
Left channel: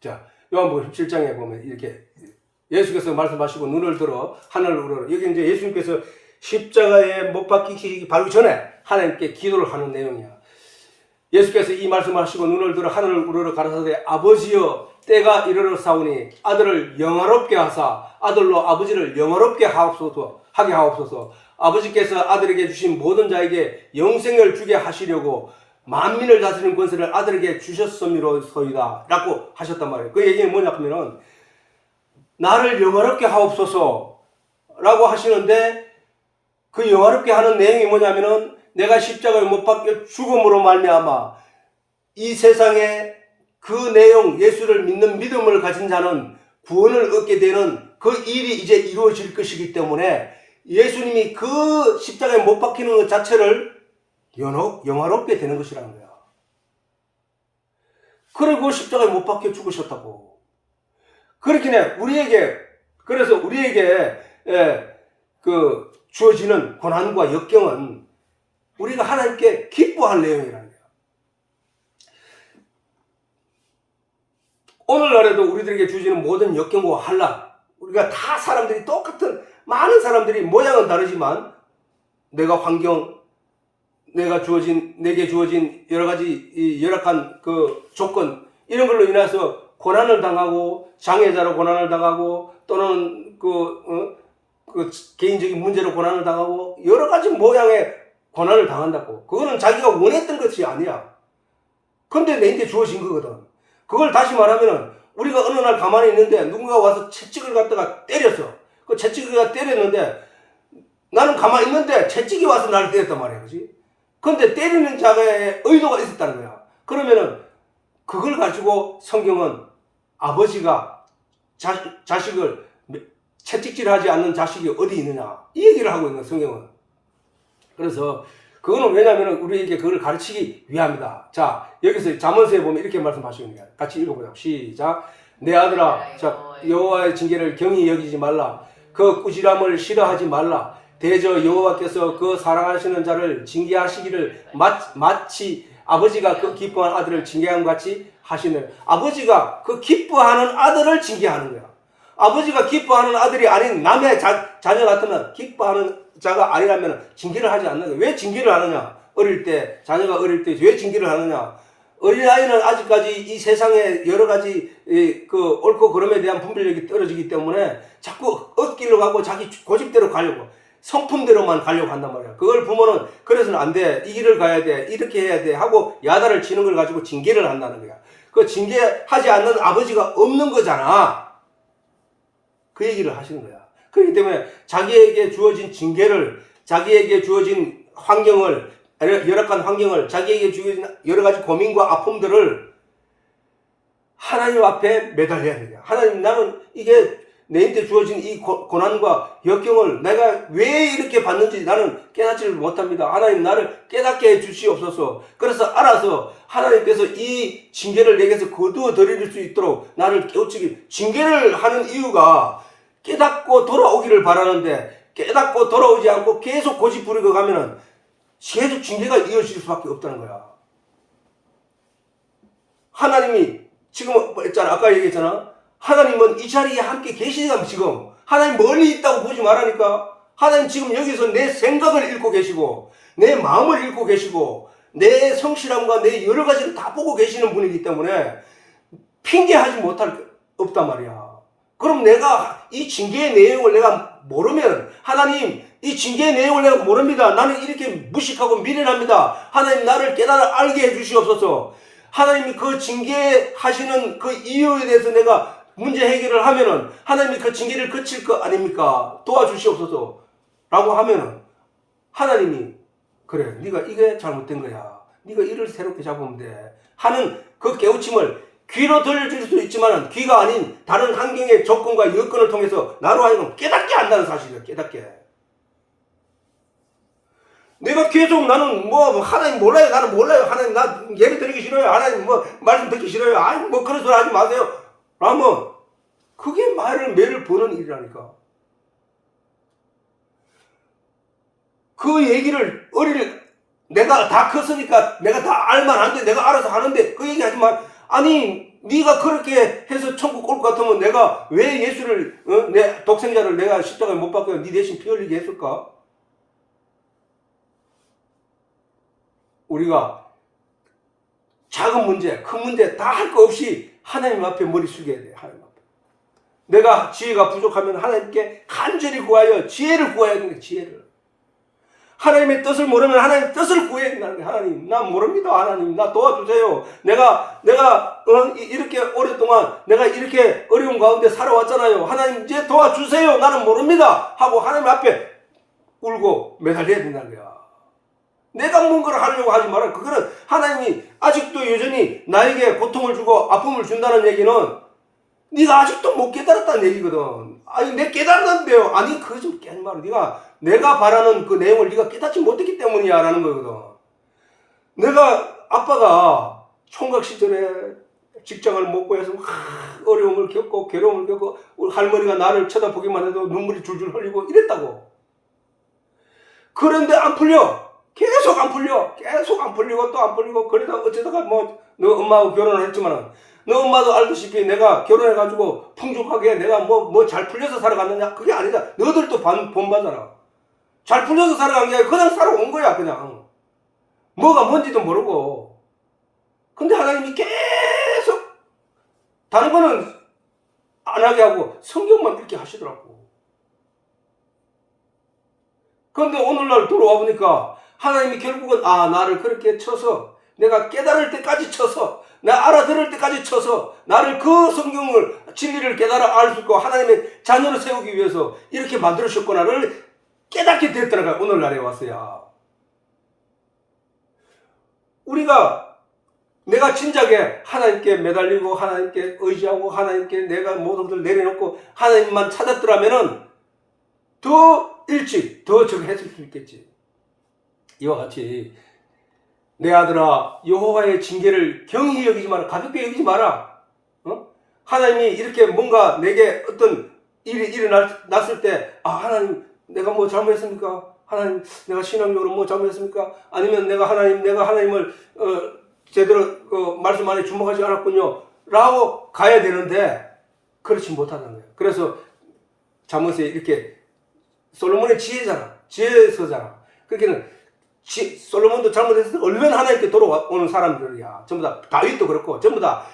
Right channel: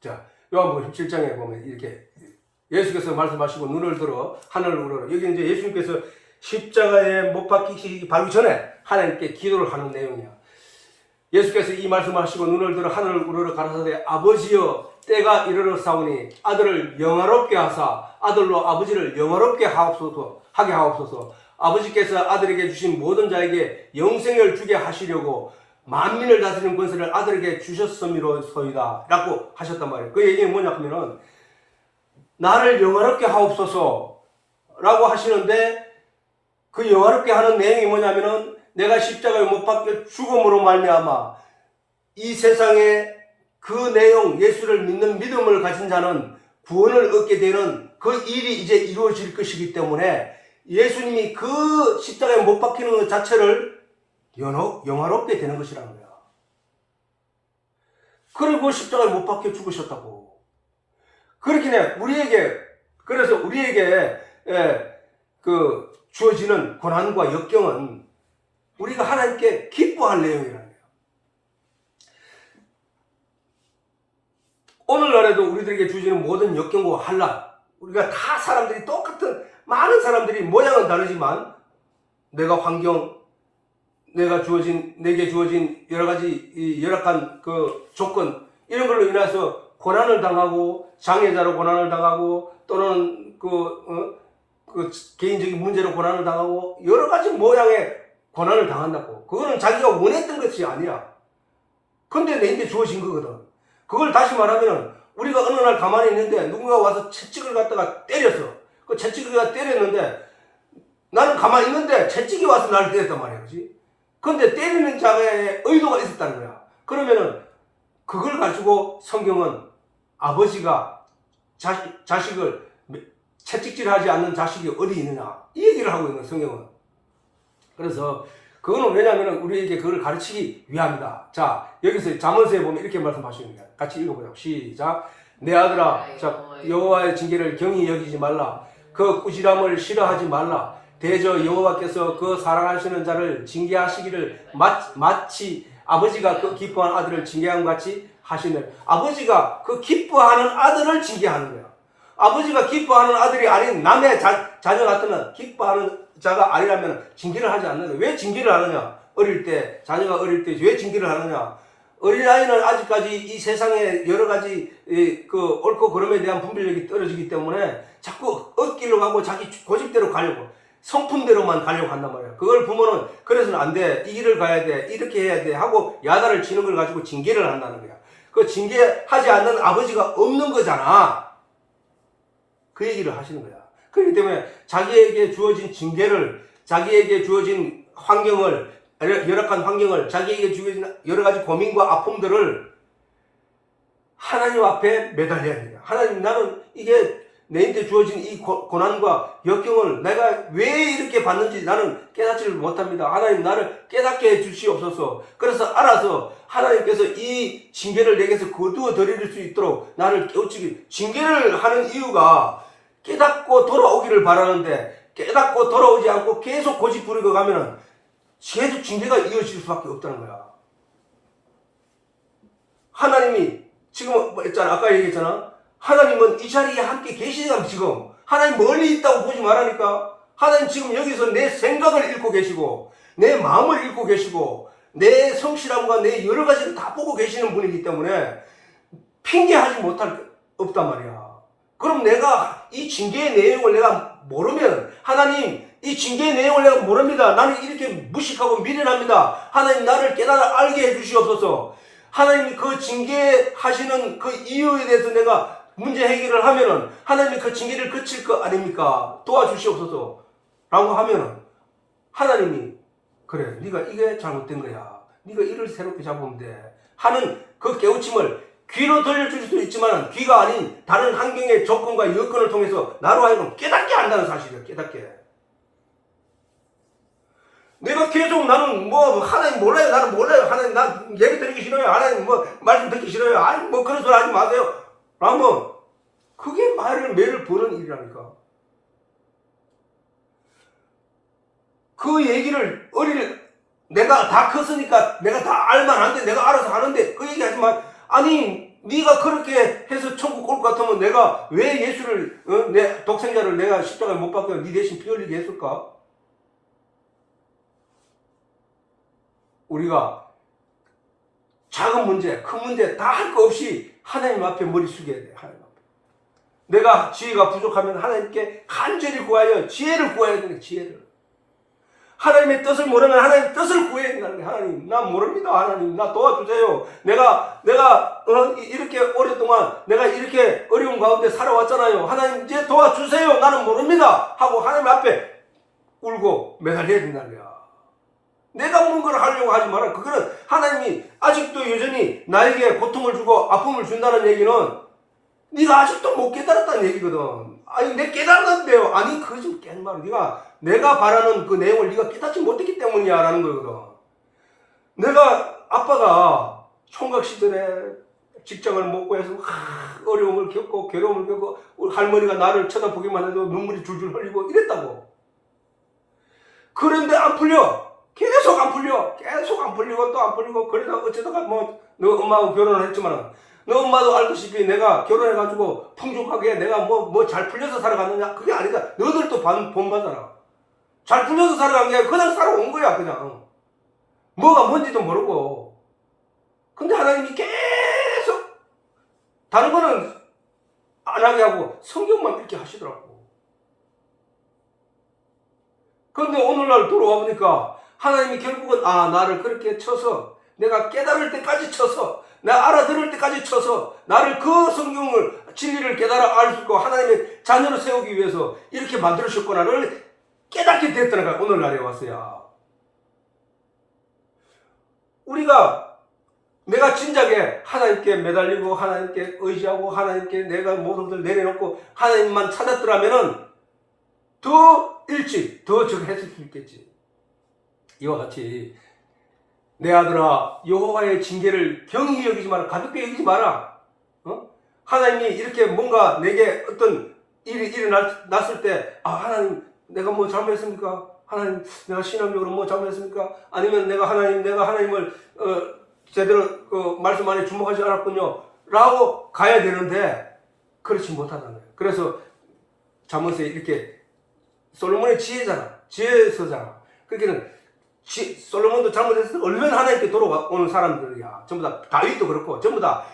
자, 요한복음 17장에 보면 이렇게 예수께서 말씀하시고 눈을 들어 하늘을 우러러 여기 이제 예수님께서 십자가에 못 박히기 바로 전에 하나님께 기도를 하는 내용이야. 예수께서 이 말씀하시고 눈을 들어 하늘을 우러러 가라사대 아버지여 때가 이르러 사오니 아들을 영화롭게 하사 아들로 아버지를 영화롭게 하게 하옵소서. 아버지께서 아들에게 주신 모든 자에게 영생을 주게 하시려고 만민을 다스리는 권세를 아들에게 주셨음이로소이다 라고 하셨단 말이에요. 그 얘기는 뭐냐 하면은 나를 영화롭게 하옵소서 라고 하시는데 그 영화롭게 하는 내용이 뭐냐면은 내가 십자가에 못 박혀 죽음으로 말미암아 이 세상에 그 내용 예수를 믿는 믿음을 가진 자는 구원을 얻게 되는 그 일이 이제 이루어질 것이기 때문에 예수님이 그 십자가에 못 박히는 것 자체를 영화롭게 되는 것이라는 거야. 그리고 십자가에 못 박혀 죽으셨다고. 그렇게 그래서 우리에게 주어지는 고난과 역경은 우리가 하나님께 기뻐할 내용이라는 거야. 오늘날에도 우리들에게 주어지는 모든 역경과 환난, 우리가 다 사람들이 똑같은 많은 사람들이 모양은 다르지만 내가 환경 내게 주어진 여러 가지 열악한 그 조건 이런 걸로 인해서 고난을 당하고 장애자로 고난을 당하고 또는 그 개인적인 문제로 고난을 당하고 여러 가지 모양의 고난을 당한다고. 그거는 자기가 원했던 것이 아니야. 근데 내게 주어진 거거든. 그걸 다시 말하면 우리가 어느 날 가만히 있는데 누군가 와서 채찍을 갖다가 때렸어. 그 채찍을 때렸는데 나는 가만히 있는데 채찍이 와서 나를 때렸단 말이야. 그렇지? 근데 때리는 자의 의도가 있었다는 거야. 그러면은 그걸 가지고 성경은 아버지가 자식을 채찍질하지 않는 자식이 어디 있느냐 이 얘기를 하고 있는 성경은. 그래서 그거는 왜냐하면 우리에게 그걸 가르치기 위함이다. 자, 여기서 잠언서에 보면 이렇게 말씀하시는 거야. 같이 읽어보자. 시작. 내 아들아, 자, 여호와의 징계를 경히 여기지 말라. 그 꾸지람을 싫어하지 말라. 대저 여호와께서 그 사랑하시는 자를 징계하시기를 마치 아버지가 그 기뻐하는 아들을 징계한 같이 하시는. 아버지가 그 기뻐하는 아들을 징계하는 거야. 아버지가 기뻐하는 아들이 아닌 남의 자녀 같으면 기뻐하는 자가 아니라면 징계를 하지 않는 거야. 왜 징계를 하느냐? 자녀가 어릴 때 왜 징계를 하느냐? 어린아이는 아직까지 이 세상에 여러 가지 그 옳고 그름에 대한 분별력이 떨어지기 때문에 자꾸 얻기를 하고 자기 고집대로 가려고. 성품대로만 가려고 한단 말이야. 그걸 부모는 그래서는 안 돼. 이 길을 가야 돼. 이렇게 해야 돼. 하고 야단을 치는 걸 가지고 징계를 한다는 거야. 그 징계하지 않는 아버지가 없는 거잖아. 그 얘기를 하시는 거야. 그렇기 때문에 자기에게 주어진 징계를, 자기에게 주어진 환경을, 열악한 환경을, 자기에게 주어진 여러 가지 고민과 아픔들을 하나님 앞에 매달려야 돼요. 하나님, 나는 이게 내한테 주어진 이 고난과 역경을 내가 왜 이렇게 받는지 나는 깨닫지를 못합니다. 하나님, 나를 깨닫게 해 주시옵소서. 그래서 알아서 하나님께서 이 징계를 내게서 거두어 드릴 수 있도록 나를 깨우치기, 징계를 하는 이유가 깨닫고 돌아오기를 바라는데, 깨닫고 돌아오지 않고 계속 고집 부리고 가면은 계속 징계가 이어질 수밖에 없다는 거야. 하나님이 지금 있잖아, 아까 얘기했잖아. 하나님은 이 자리에 함께 계시니까 지금 하나님 멀리 있다고 보지 말라니까. 하나님 지금 여기서 내 생각을 읽고 계시고 내 마음을 읽고 계시고 내 성실함과 내 여러 가지를 다 보고 계시는 분이기 때문에 핑계하지 못할 없단 말이야. 그럼 내가 이 징계의 내용을 내가 모르면, 하나님 이 징계의 내용을 내가 모릅니다. 나는 이렇게 무식하고 미련합니다. 하나님, 나를 깨달아 알게 해주시옵소서. 하나님이 그 징계하시는 그 이유에 대해서 내가 문제 해결을 하면은 하나님이 그 징계를 그칠 거 아닙니까? 도와주시옵소서 라고 하면은 하나님이, 그래, 네가 이게 잘못된 거야, 네가 이를 새롭게 잡으면 돼 하는 그 깨우침을 귀로 들려줄 수도 있지만 귀가 아닌 다른 환경의 조건과 여건을 통해서 나로 하여금 깨닫게 한다는 사실이야. 깨닫게. 내가 계속 나는 뭐 하나님 몰라요, 나는 몰라요, 하나님 나 예를 드리기 싫어요, 하나님 뭐 말씀 듣기 싫어요, 아니 뭐 그런 소리 하지 마세요 라면 그게 매를 버는 일이라니까. 그 얘기를 내가 다 컸으니까 내가 다 알만한데 내가 알아서 하는데 그 얘기 하지 마. 아니 네가 그렇게 해서 천국 올 것 같으면 내가 왜 예수를 내 독생자를 내가 십자가에 못 박혀 네 대신 피 흘리게 했을까? 우리가 작은 문제, 큰 문제 다 할 거 없이 하나님 앞에 머리 숙여야 돼. 하나님 앞에. 내가 지혜가 부족하면 하나님께 간절히 구하여 지혜를 구해야 되는 지혜를. 하나님의 뜻을 모르면 하나님 뜻을 구해야 된다는 게, 하나님 나 모릅니다. 하나님 나 도와주세요. 내가 이렇게 오랫동안 내가 이렇게 어려운 가운데 살아왔잖아요. 하나님 이제 도와주세요. 나는 모릅니다 하고 하나님 앞에 울고 매달려야 된다는 거야. 내가 뭔가를 하려고 하지 마라. 그거는 하나님이 아직도 여전히 나에게 고통을 주고 아픔을 준다는 얘기는 네가 아직도 못 깨달았다는 얘기거든. 아니 내 깨달았는데요. 아니 그거 좀 깨는 말. 내가 바라는 그 내용을 네가 깨닫지 못했기 때문이야 라는 거거든. 내가 아빠가 총각 시절에 직장을 못 구해서 어려움을 겪고 괴로움을 겪고 우리 할머니가 나를 쳐다보기만 해도 눈물이 줄줄 흘리고 이랬다고. 그런데 안 풀려. 계속 안 풀려. 계속 안 풀리고 또 안 풀리고. 그래서 어쩌다가 뭐 너 엄마하고 결혼을 했지만 너 엄마도 알다시피 내가 결혼해가지고 풍족하게 내가 뭐 잘 풀려서 살아갔느냐? 그게 아니다. 너들도 본받아라. 잘 풀려서 살아간 게 그냥 살아온 거야. 그냥 뭐가 뭔지도 모르고. 근데 하나님이 계속 다른 거는 안 하게 하고 성경만 읽게 하시더라고. 그런데 오늘날 돌아와 보니까 하나님이 결국은 나를 그렇게 쳐서 내가 깨달을 때까지 쳐서 내가 알아들을 때까지 쳐서 나를 그 성경을 진리를 깨달아 알 수 있고 하나님의 자녀로 세우기 위해서 이렇게 만들으셨구나를 깨닫게 됐다는 거야. 오늘날에 왔어야. 우리가 내가 진작에 하나님께 매달리고 하나님께 의지하고 하나님께 내가 모든 것을 내려놓고 하나님만 찾았더라면은 더 일찍 더 적응했을 수 있겠지. 이와 같이 내 아들아 여호와의 징계를 경히 여기지 마라. 가볍게 여기지 마라. 하나님이 이렇게 뭔가 내게 어떤 일이 일어났을 때 하나님 내가 뭐 잘못했습니까? 하나님 내가 신앙적으로 뭐 잘못했습니까? 아니면 내가 하나님을 제대로 말씀 안에 주목하지 않았군요 라고 가야 되는데 그렇지 못하다는 거예요. 그래서 잠언에 이렇게 솔로몬의 지혜서잖아. 그렇게는 솔로몬도 잘못했을 때 얼른 하나님께 돌아오는 사람들이야. 전부 다 다윗도 그렇고 전부 다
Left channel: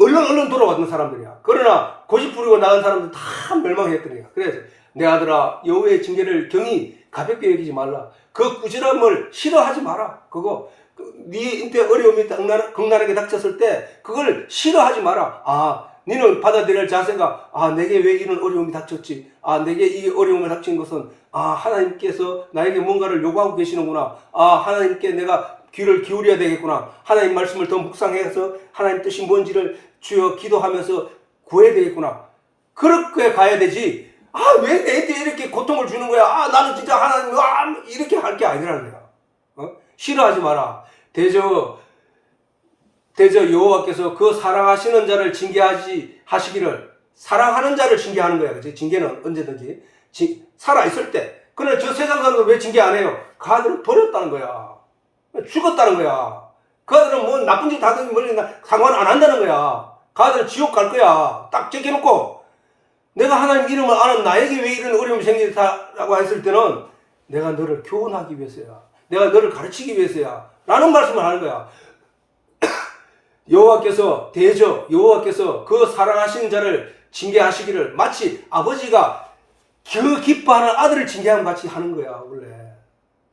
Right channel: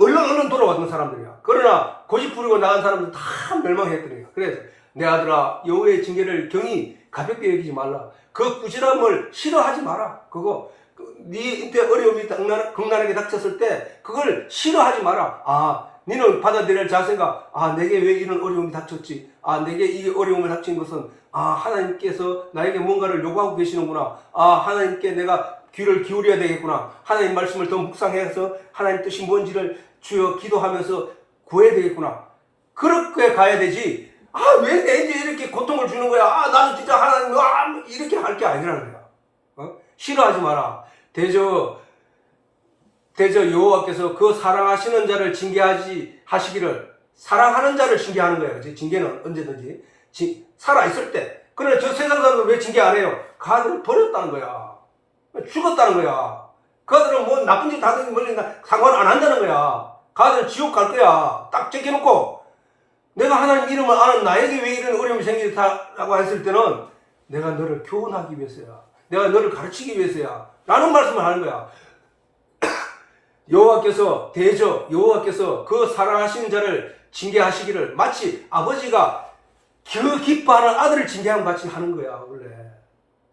얼른 돌아왔던 사람들이야. 그러나 고집 부리고 나간 사람들 다 멸망했던 거야. 그래서 내 아들아 여호와의 징계를 경히 가볍게 여기지 말라. 그 꾸지람을 싫어하지 마라. 그거 네 인때 어려움이 극난하게 닥쳤을 때 그걸 싫어하지 마라. 아, 너는 받아들일 자세가 내게 왜 이런 어려움이 닥쳤지? 내게 이 어려움을 닥친 것은 하나님께서 나에게 뭔가를 요구하고 계시는구나. 하나님께 내가 귀를 기울여야 되겠구나. 하나님 말씀을 더 묵상해서 하나님 뜻이 뭔지를 주여 기도하면서 구해야 되겠구나. 그렇게 가야 되지. 왜 내한테 이렇게 고통을 주는 거야? 나는 진짜 하나님 이렇게 할 게 아니라는 거야. 싫어하지 마라. 대저 여호와께서 그 사랑하시는 자를 하시기를 사랑하는 자를 징계하는 거야. 그치? 징계는 언제든지 살아 있을 때. 그러나 저 세상 사람은 왜 징계 안 해요? 그 아들은 버렸다는 거야. 죽었다는 거야. 그 아들은 뭐 나쁜 짓 하든 뭐 상관 안 한다는 거야. 그 아들은 지옥 갈 거야. 딱 제껴놓고 내가 하나님 이름을 아는 나에게 왜 이런 어려움이 생기다라고 했을 때는 내가 너를 교훈하기 위해서야. 내가 너를 가르치기 위해서야. 라는 말씀을 하는 거야. 여호와께서 그 사랑하시는 자를 징계하시기를 마치 아버지가 그 기뻐하는 아들을 징계하는 같이 하는 거야. 원래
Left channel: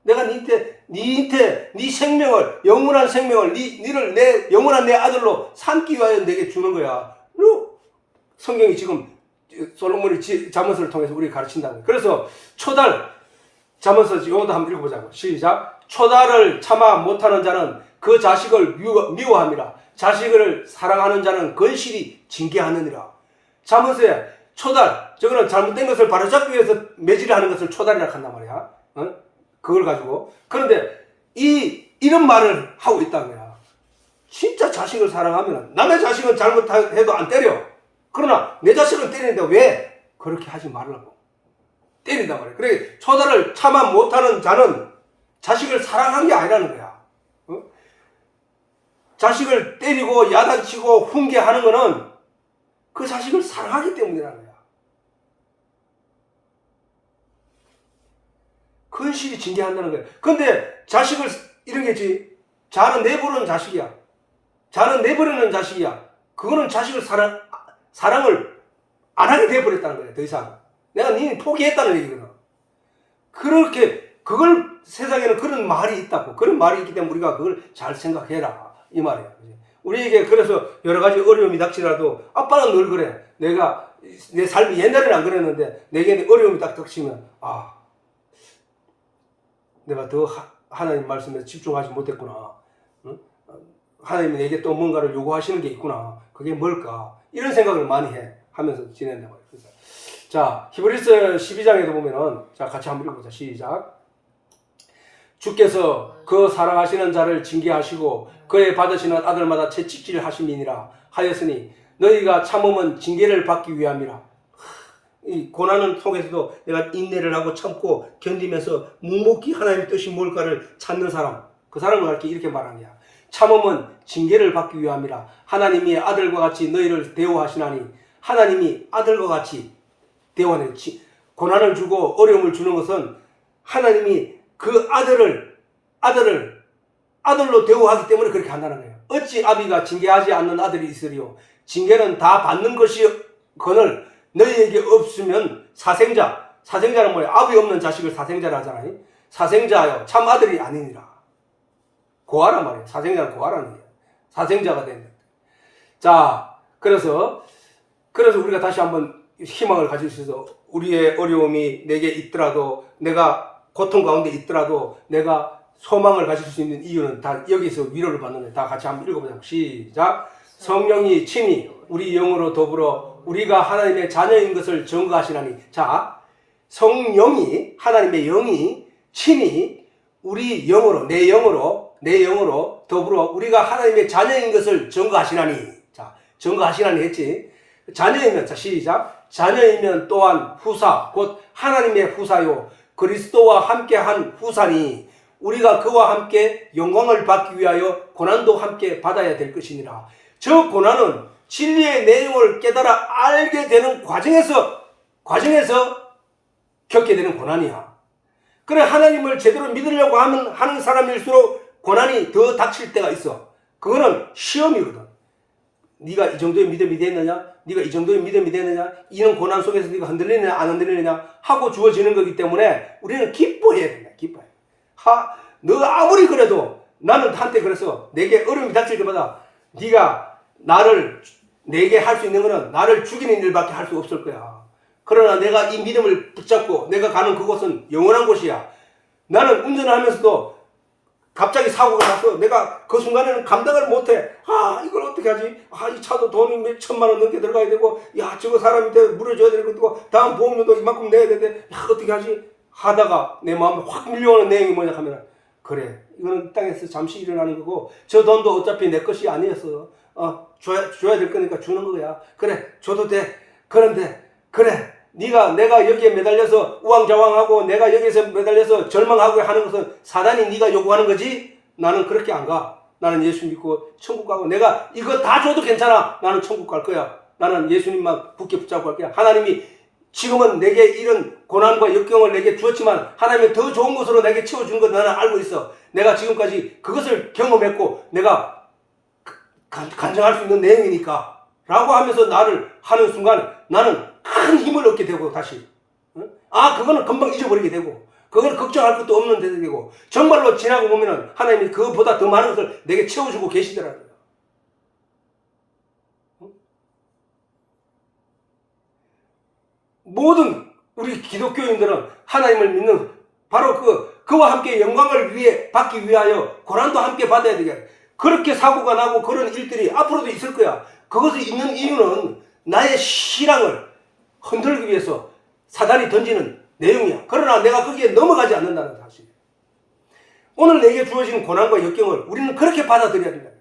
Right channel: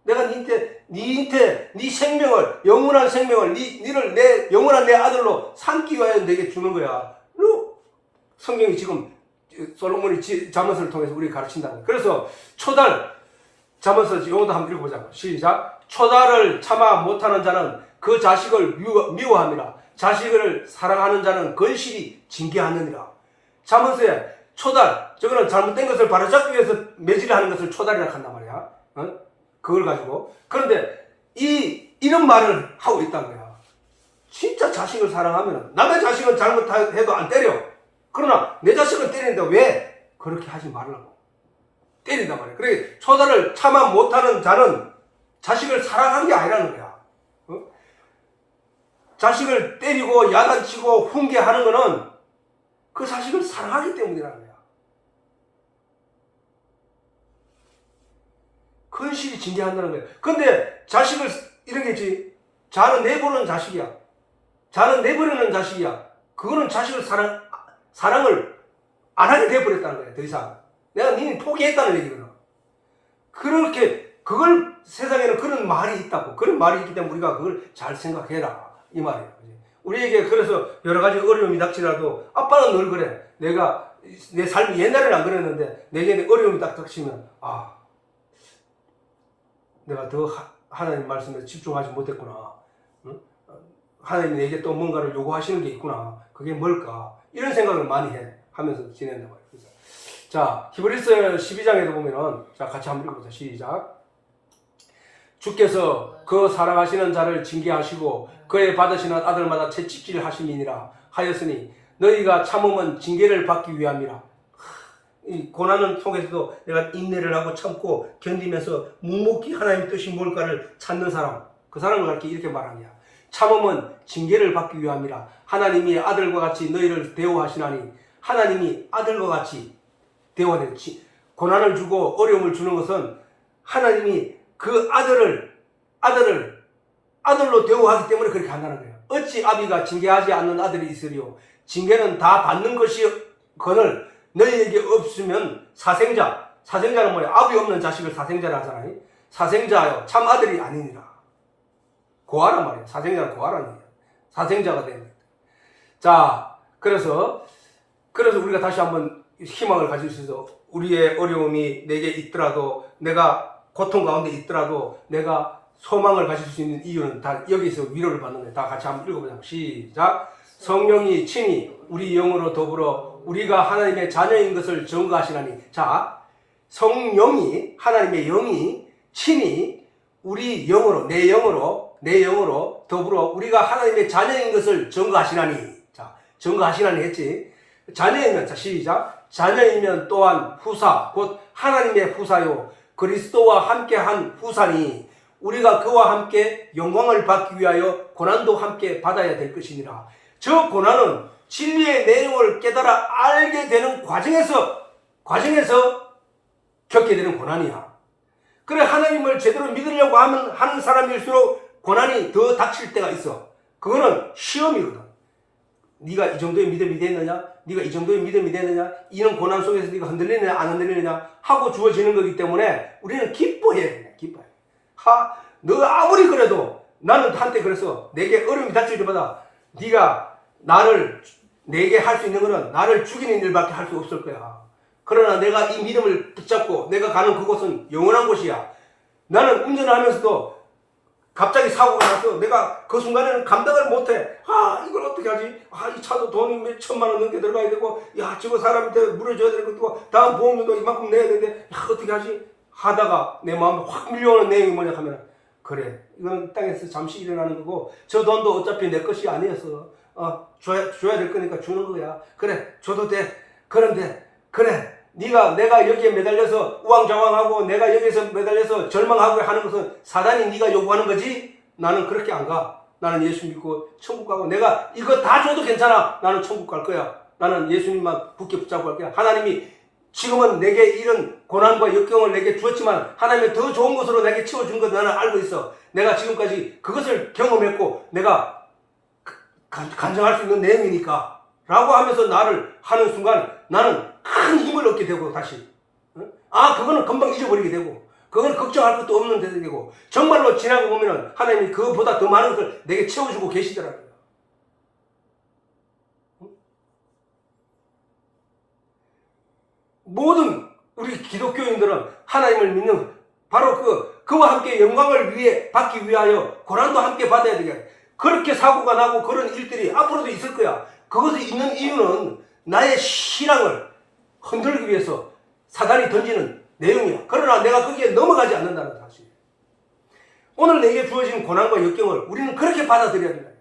내가 네 생명을 영원한 생명을 니를 내 영원한 내 아들로 삼기 위하여 내게 주는 거야. 성경이 지금 솔로몬이 잠언서를 통해서 우리에게 가르친다는 거야. 그래서 잠언서 이것도 한번 읽어보자고. 시작. 초달을 참아 못하는 자는 그 자식을 미워함이라. 자식을 사랑하는 자는 건실히 징계하느니라. 잠언서에 초달, 저거는 잘못된 것을 바로잡기 위해서 매질을 하는 것을 초달이라고 한단 말이야. 그걸 가지고. 그런데 이런 말을 하고 있다는 거야. 진짜 자식을 사랑하면 남의 자식은 잘못해도 안 때려. 그러나 내 자식은 때리는데 왜? 그렇게 하지 말라고. 때린단 말이야. 그래, 초달을 참아 못하는 자는 자식을 사랑한 게 아니라는 거야. 자식을 때리고 야단치고 훈계하는 거는 그 자식을 사랑하기 때문이라는 거야. 건실히 징계한다는 거야. 근데 자식을 이런 게지. 자는 내버리는 자식이야. 자는 내버리는 자식이야. 그거는 자식을 사랑을 안 하게 돼버렸다는 거야. 더 이상. 내가 니는 포기했다는 얘기거든. 그렇게 그걸 세상에는 그런 말이 있다고. 그런 말이 있기 때문에 우리가 그걸 잘 생각해라. 이 말이야. 우리에게 그래서 여러 가지 어려움이 닥치라도 아빠는 늘 그래. 내가 내 삶이 옛날에는 안 그랬는데 내게 어려움이 딱 닥치면 내가 더 하나님 말씀에 집중하지 못했구나. 하나님이 내게 또 뭔가를 요구하시는 게 있구나. 그게 뭘까? 이런 생각을 많이 하면서 지낸다고 해요. 자, 히브리서 12장에도 보면은 자 같이 한번 읽어보자. 시작. 주께서 그 사랑하시는 자를 징계하시고 그의 받으시는 아들마다 채찍질 하심이니라 하였으니 너희가 참음은 징계를 받기 위함이라. 이 고난을 통해서도 내가 인내를 하고 참고 견디면서 묵묵히 하나님의 뜻이 뭘까를 찾는 사람, 그 사람을 이렇게 말한 거야. 참음은 징계를 받기 위함이라. 하나님이 아들과 같이 너희를 대우하시나니. 하나님이 아들과 같이 대우하는 고난을 주고 어려움을 주는 것은 하나님이 그 아들로 대우하기 때문에 그렇게 한다는 거예요. 어찌 아비가 징계하지 않는 아들이 있으리요. 징계는 다 받는 것이거늘 너희에게 없으면 사생자는 뭐야? 아비 없는 자식을 사생자라 하잖아요. 사생자요 참 아들이 아니니라. 고아란 말이에요. 사생자는 고아라는 거예요. 사생자가 된다. 자, 그래서 우리가 다시 한번 희망을 가질 수 있어. 우리의 어려움이 내게 있더라도, 내가 고통 가운데 있더라도 내가 소망을 가질 수 있는 이유는 다 여기서 위로를 받는 거예요. 다 같이 한번 읽어보자. 시작. 성령이 친히 우리 영으로 더불어 우리가 하나님의 자녀인 것을 증거하시나니. 자, 성령이, 하나님의 영이 친히 우리 영으로, 내 영으로 더불어 우리가 하나님의 자녀인 것을 증거하시나니. 자, 증거하시나니 했지. 자녀이면, 자, 시작. 자녀이면 또한 후사, 곧 하나님의 후사요 그리스도와 함께한 후사니 우리가 그와 함께 영광을 받기 위하여 고난도 함께 받아야 될 것이니라. 저 고난은 진리의 내용을 깨달아 알게 되는 과정에서 겪게 되는 고난이야. 그래, 하나님을 제대로 믿으려고 하는 사람일수록 고난이 더 닥칠 때가 있어. 그거는 시험이거든. 네가 이 정도의 믿음이 되느냐? 네가 이 정도의 믿음이 되느냐? 이런 고난 속에서 네가 흔들리느냐 안 흔들리느냐 하고 주어지는 거기 때문에 우리는 기뻐해야 된다. 기뻐해. 너가 아무리 그래도 나는 한때 그래서 내게 어려움이 닥칠 때마다 네가 내게 할 수 있는 거는 나를 죽이는 일밖에 할 수 없을 거야. 그러나 내가 이 믿음을 붙잡고 내가 가는 그곳은 영원한 곳이야. 나는 운전을 하면서도 갑자기 사고가 나서 내가 그 순간에는 감당을 못해. 이걸 어떻게 하지? 이 차도 돈이 몇 천만 원 넘게 들어가야 되고, 저거 사람한테 물어줘야 되고, 다음 보험료도 이만큼 내야 되는데, 어떻게 하지? 하다가 내 마음에 확 밀려오는 내용이 뭐냐 하면, 그래, 이거는 땅에서 잠시 일어나는 거고, 저 돈도 어차피 내 것이 아니었어. 줘야 될 거니까 주는 거야. 그래, 줘도 돼. 그런데, 그래. 내가 여기에 매달려서 우왕좌왕하고 내가 여기서 매달려서 절망하고 하는 것은 사단이 네가 요구하는 거지? 나는 그렇게 안 가. 나는 예수 믿고 천국 가고 내가 이거 다 줘도 괜찮아. 나는 천국 갈 거야. 나는 예수님만 굳게 붙잡고 갈 거야. 하나님이 지금은 내게 이런 고난과 역경을 내게 주었지만 하나님은 더 좋은 것으로 내게 채워주는 걸 나는 알고 있어. 내가 지금까지 그것을 경험했고 내가 간증할 수 있는 내용이니까 라고 하면서 나를 하는 순간 나는 큰 힘을 얻게 되고 다시 그거는 금방 잊어버리게 되고 그건 걱정할 것도 없는 데 되고 정말로 지나고 보면은 하나님이 그것보다 더 많은 것을 내게 채워주고 계시더라고요. 모든 우리 기독교인들은 하나님을 믿는 바로 그와 함께 영광을 받기 위하여 고난도 함께 받아야 되겠다. 그렇게 사고가 나고 그런 일들이 앞으로도 있을 거야. 그것이 있는 이유는 나의 신앙을 흔들기 위해서 사단이 던지는 내용이야. 그러나 내가 거기에 넘어가지 않는다는 사실이야. 오늘 내게 주어진 고난과 역경을 우리는 그렇게 받아들여야 된다.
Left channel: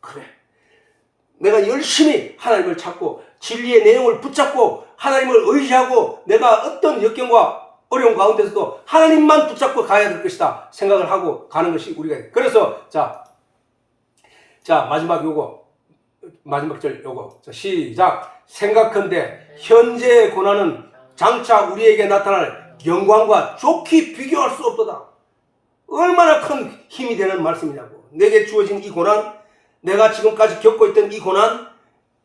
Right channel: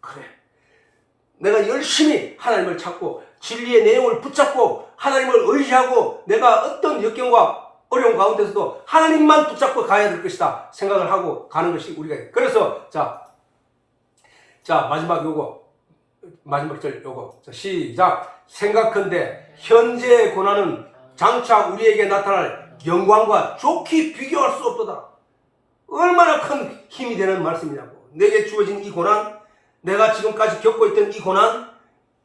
그래. 내가 열심히 하나님을 찾고 진리의 내용을 붙잡고 하나님을 의지하고 내가 어떤 역경과 어려운 가운데서도 하나님만 붙잡고 가야 될 것이다 생각을 하고 가는 것이 우리가. 그래서 자 마지막 절 요거. 자, 시작. 생각컨대 현재의 고난은 장차 우리에게 나타날 영광과 좋게 비교할 수 없도다. 얼마나 큰 힘이 되는 말씀이냐고. 내게 주어진 이 고난, 내가 지금까지 겪고 있던 이 고난,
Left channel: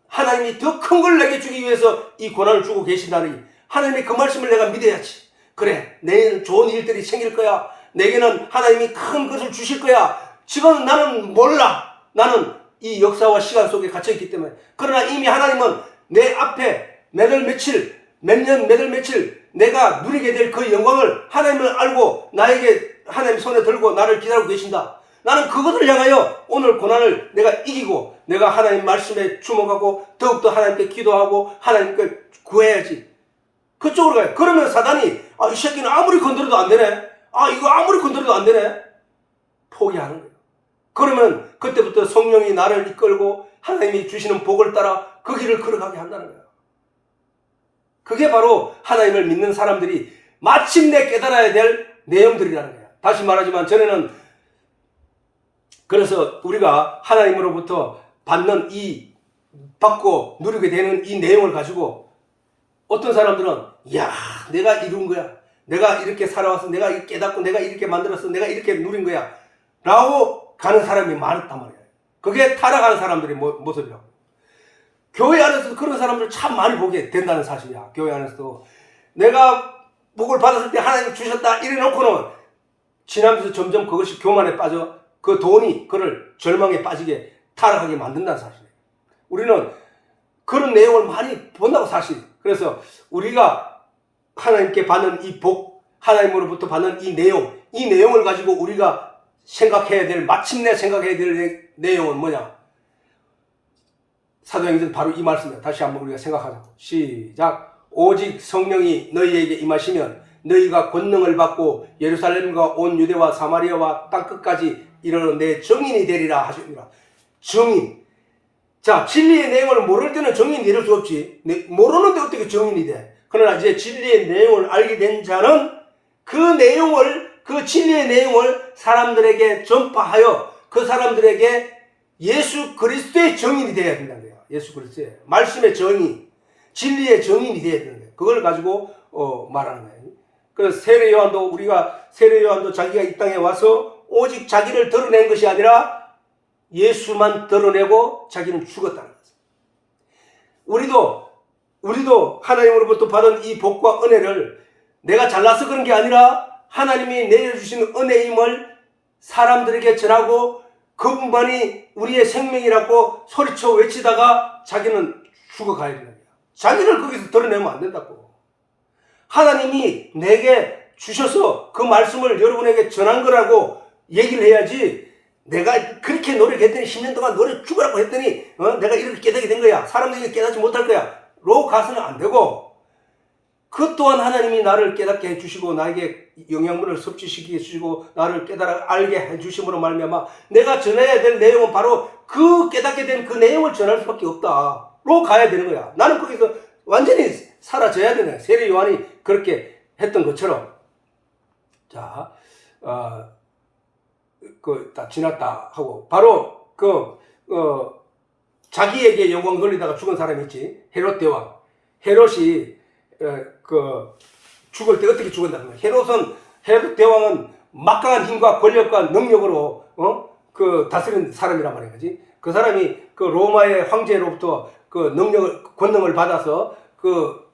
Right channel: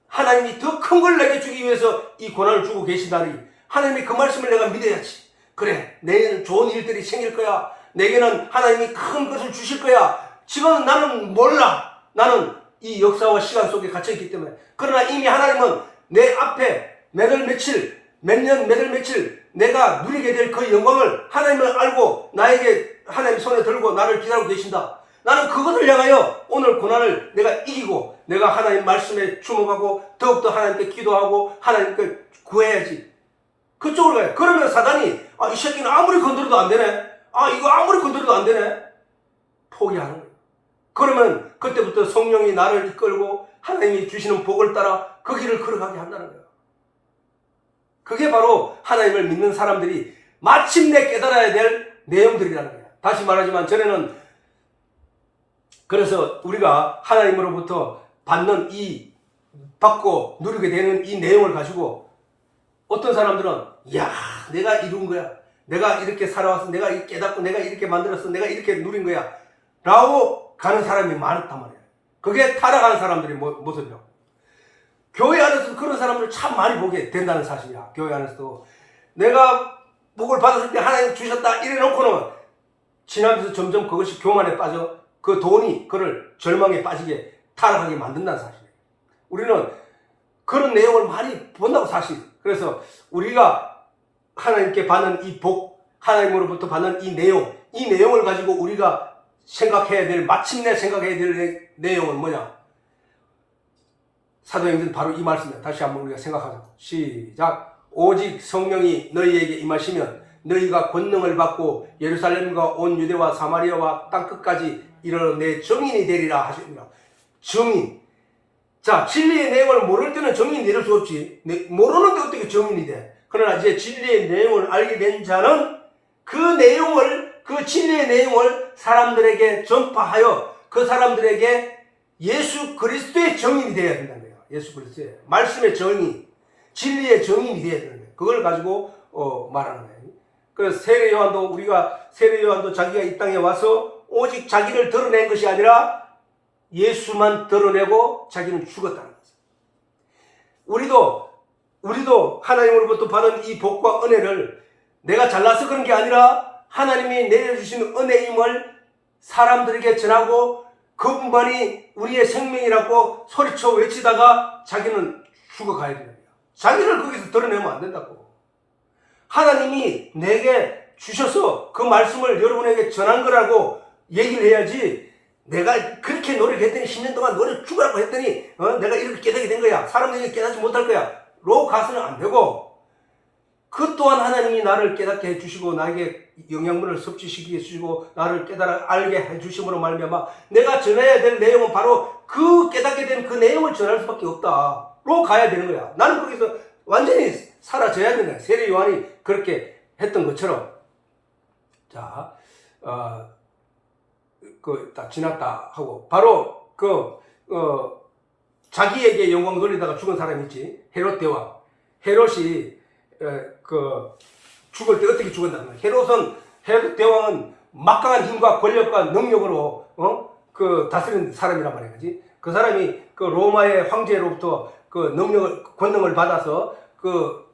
하나님이 더 큰 걸 내게 주기 위해서 이 고난을 주고 계시다니 하나님의 그 말씀을 내가 믿어야지. 그래, 내일은 좋은 일들이 생길 거야. 내게는 하나님이 큰 것을 주실 거야. 지금 나는 몰라. 나는 이 역사와 시간 속에 갇혀있기 때문에. 그러나 이미 하나님은 내 앞에 몇 년 며칠 내가 누리게 될 그 영광을 하나님을 알고 나에게 하나님 손에 들고 나를 기다리고 계신다. 나는 그것을 향하여 오늘 고난을 내가 이기고 내가 하나님 말씀에 주목하고 더욱더 하나님께 기도하고 하나님께 구해야지. 그쪽으로 가요. 그러면 사단이 이 새끼는 아무리 건드려도 안 되네. 이거 아무리 건드려도 안 되네. 포기하는 거예요. 그러면 그때부터 성령이 나를 이끌고 하나님이 주시는 복을 따라 그 길을 걸어가게 한다는 거예요. 그게 바로 하나님을 믿는 사람들이 마침내 깨달아야 될 내용들이라는 거예요. 다시 말하지만 전에는 그래서 우리가 하나님으로부터 받고 누리게 되는 이 내용을 가지고 어떤 사람들은 내가 이룬 거야. 내가 이렇게 살아왔어. 내가 이렇게 깨닫고 내가 이렇게 만들었어. 내가 이렇게 누린 거야. 라고 가는 사람이 많단 말이야. 그게 타락한 사람들의 모습이라고. 교회 안에서도 그런 사람들 참 많이 보게 된다는 사실이야. 교회 안에서도 내가 복을 받았을 때 하나님 주셨다 이래 놓고는 지나면서 점점 그것이 교만에 빠져 그 돈이 그를 절망에 빠지게 타락하게 만든다는 사실이에요. 우리는 그런 내용을 많이 본다고 사실. 그래서 우리가 하나님께 받는 이 복, 하나님으로부터 받는 이 내용을 가지고 우리가 마침내 생각해야 될 내용은 뭐냐? 사도행전 바로 이 말씀이에요. 다시 한번 우리가 생각하자. 시작. 오직 성령이 너희에게 임하시면 너희가 권능을 받고 예루살렘과 온 유대와 사마리아와 땅끝까지 이르러 내 증인이 되리라 하십니다. 증인. 자, 진리의 내용을 모를 때는 증인이 될 수 없지. 모르는데 어떻게 증인이 돼? 그러나 이제 진리의 내용을 알게 된 자는 그 진리의 내용을 사람들에게 전파하여 그 사람들에게 예수 그리스도의 증인이 되어야 된다는 거예요. 예수 그리스도의 말씀의 증인, 진리의 증인이 되어야 되는 거예요. 그걸 가지고 말하는 거예요. 그래서 세례 요한도 자기가 이 땅에 와서 오직 자기를 드러낸 것이 아니라 예수만 드러내고 자기는 죽었다는 거예요. 우리도 하나님으로부터 받은 이 복과 은혜를 내가 잘나서 그런 게 아니라 하나님이 내려주시는 은혜임을 사람들에게 전하고 그분만이 우리의 생명이라고 소리쳐 외치다가 자기는 죽어가야 되는 거야. 자기를 거기서 드러내면 안 된다고. 하나님이 내게 주셔서 그 말씀을 여러분에게 전한 거라고 얘기를 해야지, 내가 그렇게 노력했더니 10년 동안 노력 죽으라고 했더니 내가 이렇게 깨닫게 된 거야, 사람들이 깨닫지 못할 거야 로 가서는 안 되고, 그 또한 하나님이 나를 깨닫게 해주시고 나에게 영양분을 섭취시키게 해주시고 나를 깨달아 알게 해주심으로 말미암아 내가 전해야 될 내용은 바로 그 깨닫게 된 그 내용을 전할 수밖에 없다 로 가야 되는 거야. 나는 거기서 완전히 사라져야 되네. 세례 요한이 그렇게 했던 것처럼. 자, 다 지났다 하고 바로 자기에게 영광 돌리다가 죽은 사람이 있지. 헤롯 대왕. 헤롯이 죽을 때 어떻게 죽었냐면, 헤롯 대왕은 막강한 힘과 권력과 능력으로 다스린 사람이란 말이야, 그지? 그 사람이 그 로마의 황제로부터 그 권능을 받아서 그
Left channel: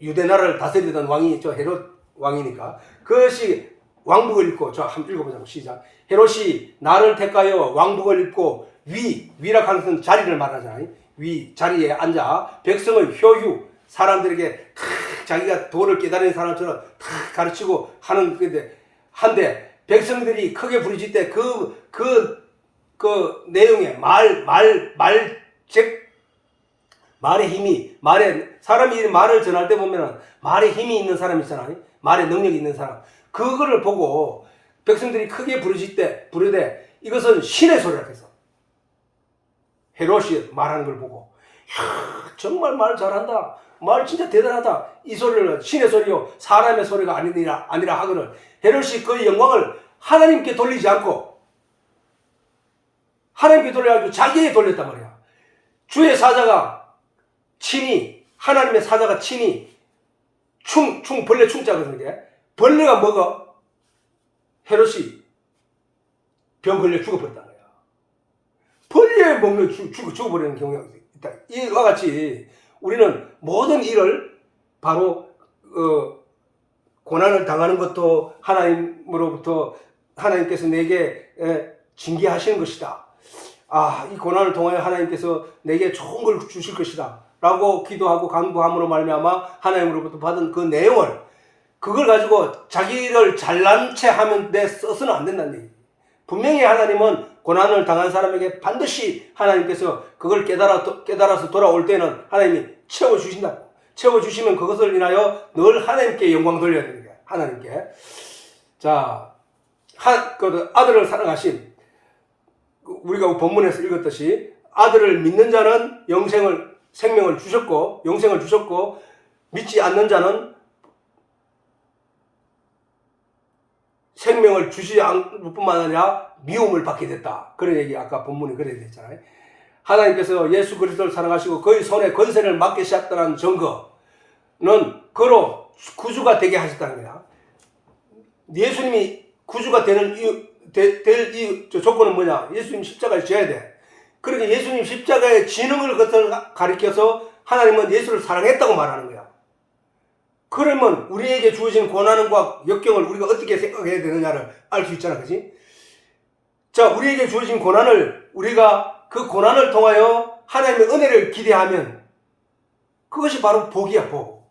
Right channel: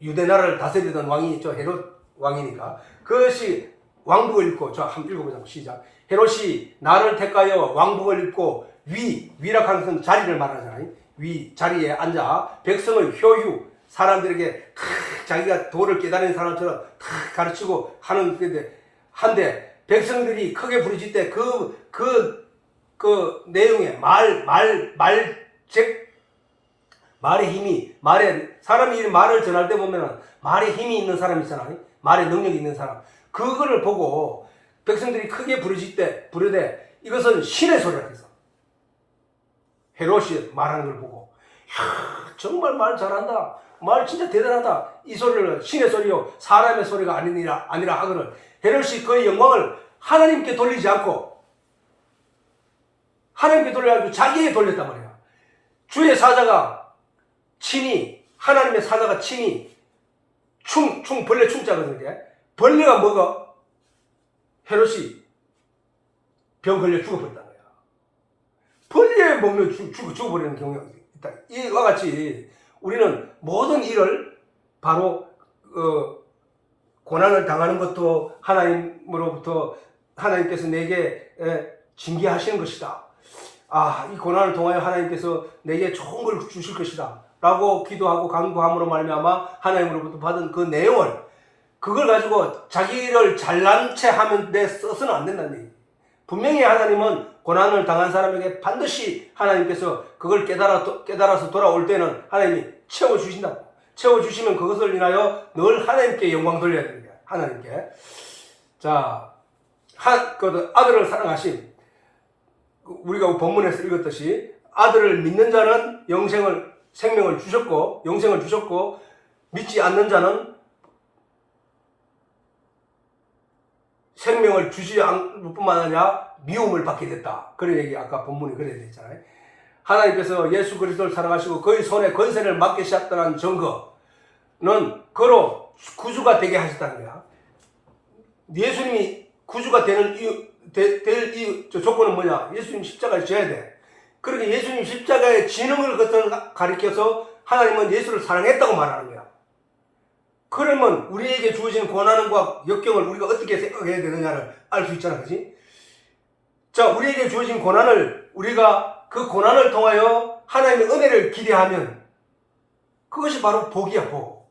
유대 나라를 다스리던 왕이 저 헤롯 왕이니까, 그것이 왕복을 입고, 저 한번 읽어보자. 시작. 헤롯이 나를 택하여 왕복을 입고 위락하는 것은 자리를 말하잖아요. 자리에 앉아 백성을 효유, 사람들에게 자기가 도를 깨달은 사람처럼 탁 가르치고 하는 건데, 한데 백성들이 크게 부르짖을 때 그 내용에 말의 힘이, 사람이 말을 전할 때 보면은 말에 힘이 있는 사람이 있잖아요. 말에 능력이 있는 사람. 그거를 보고 백성들이 크게 부르되 이것은 신의 소리라 해서 헤롯이 말하는 걸 보고, 이야, 정말 말 잘한다, 말 진짜 대단하다, 이 소리를 신의 소리요 사람의 소리가 아니라 하거늘 헤롯이 그 영광을 하나님께 돌리지 않고 자기에 돌렸단 말이야. 주의 사자가 친히, 하나님의 사자가 친히 벌레 충자거든요. 벌레가 먹어 헤롯이 병 걸려 죽어버렸단 거야. 벌레 먹는 죽어버리는 경우가 있다. 이와 같이 우리는 모든 일을 바로 고난을 당하는 것도 하나님으로부터 하나님께서 내게 징계하시는 것이다. 이 고난을 통하여 하나님께서 내게 좋은 걸 주실 것이다 라고 기도하고 간구함으로 말미암아 하나님으로부터 받은 그 내용을, 그걸 가지고 자기를 잘난 체 하면 써서는 안 된다는 얘기. 분명히 하나님은 고난을 당한 사람에게 반드시 하나님께서 그걸 깨달아서 돌아올 때는 하나님이 채워주신다고. 채워주시면 그것을 인하여 늘 하나님께 영광 돌려야 되는 거야. 하나님께. 자, 그 아들을 사랑하신, 우리가 본문에서 읽었듯이 아들을 믿는 자는 생명을 주셨고 믿지 않는 자는 생명을 주지 않을 뿐만 아니라 미움을 받게 됐다. 그런 얘기 아까 본문에 그래야 됐잖아요. 하나님께서 예수 그리스도를 사랑하시고 그의 손에 권세를 맡게 하셨다는 증거는 그로 구주가 되게 하셨다는 거야. 예수님이 구주가 될 조건은 뭐냐? 예수님 십자가에 져야 돼. 그러니까 예수님 십자가의 진흥을 가리켜서 하나님은 예수를 사랑했다고 말하는 거야. 그러면 우리에게 주어진 고난과 역경을 우리가 어떻게 생각해야 되느냐를 알 수 있잖아, 그지? 자, 우리에게 주어진 고난을 우리가 그 고난을 통하여 하나님의 은혜를 기대하면 그것이 바로 복이야, 복.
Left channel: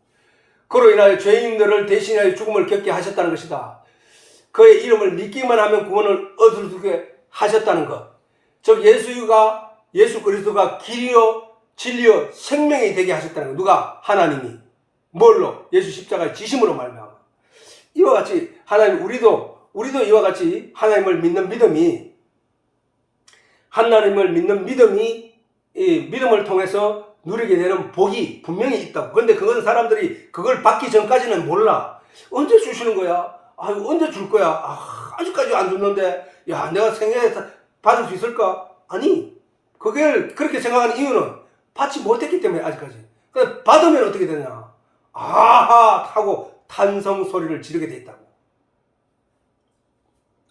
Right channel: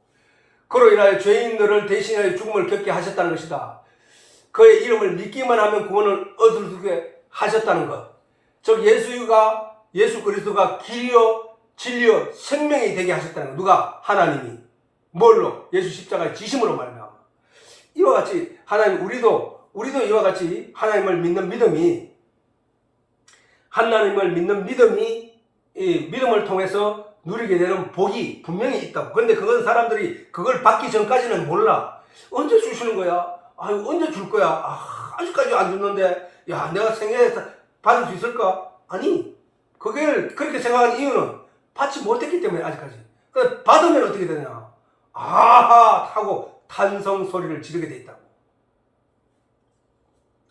그로 인하여 죄인들을 대신하여 죽음을 겪게 하셨다는 것이다. 그의 이름을 믿기만 하면 구원을 얻게 하셨다는 것. 즉 예수 그리스도가 길이요 진리요 생명이 되게 하셨다는 것. 누가? 하나님이. 뭘로? 예수 십자가의 지심으로 말미암아. 이와 같이 하나님, 우리도 이와 같이 하나님을 믿는 믿음이 이 믿음을 통해서 누리게 되는 복이 분명히 있다고. 그런데 그건 사람들이 그걸 받기 전까지는 몰라. 언제 주시는 거야? 언제 줄 거야? 아직까지 안 줬는데, 야, 내가 생애에 받을 수 있을까? 아니, 그걸 그렇게 생각하는 이유는 받지 못했기 때문에 아직까지. 그래서 받으면 어떻게 되냐? 아하! 하고 탄성 소리를 지르게 돼 있다고.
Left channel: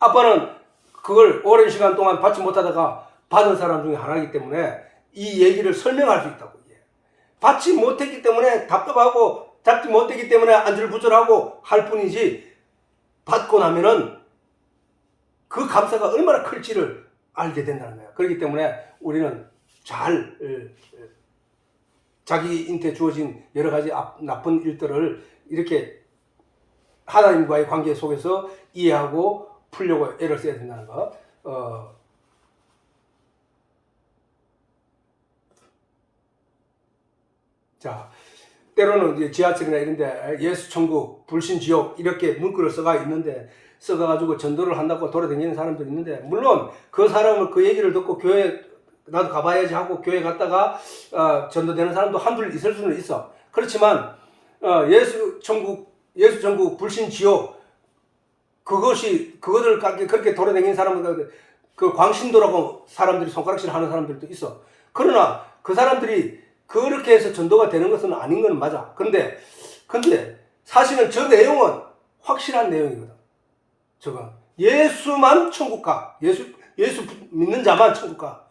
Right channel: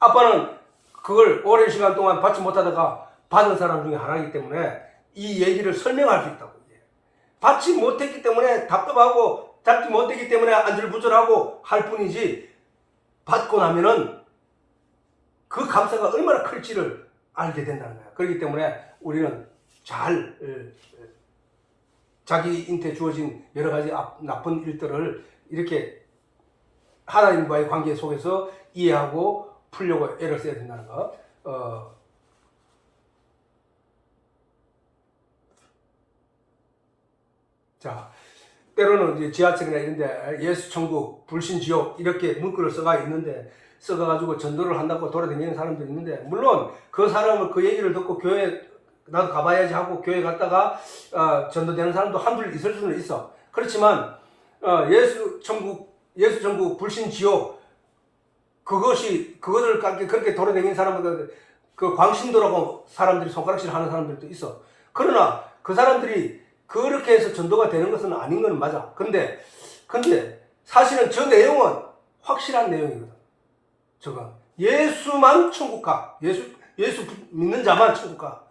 아빠는 그걸 오랜 시간 동안 받지 못하다가 받은 사람 중에 하나이기 때문에 이 얘기를 설명할 수 있다고. 받지 못했기 때문에 답답하고 잡지 못했기 때문에 안절부절하고 할 뿐이지 받고 나면은 그 감사가 얼마나 클지를 알게 된다는 거예요. 그렇기 때문에 우리는 잘 자기한테 주어진 여러 가지 나쁜 일들을 이렇게 하나님과의 관계 속에서 이해하고 풀려고 애를 써야 된다는 거. 자, 때로는 이제 지하철이나 이런데 예수 천국, 불신 지옥 이렇게 문구를 써가 있는데 써가지고 전도를 한다고 돌아다니는 사람들이 있는데 물론 그 사람은 그 얘기를 듣고 교회 나도 가봐야지 하고 교회 갔다가 전도되는 사람도 한둘 있을 수는 있어. 그렇지만 예수 천국, 불신 지옥 그것을 그렇게 돌아다니는 사람들 그 광신도라고 사람들이 손가락질 하는 사람들도 있어. 그러나 그 사람들이 그렇게 해서 전도가 되는 것은 아닌 건 맞아. 근데 사실은 저 내용은 확실한 내용입니다. 저거 예수만 천국 가. 예수 믿는 자만 천국 가.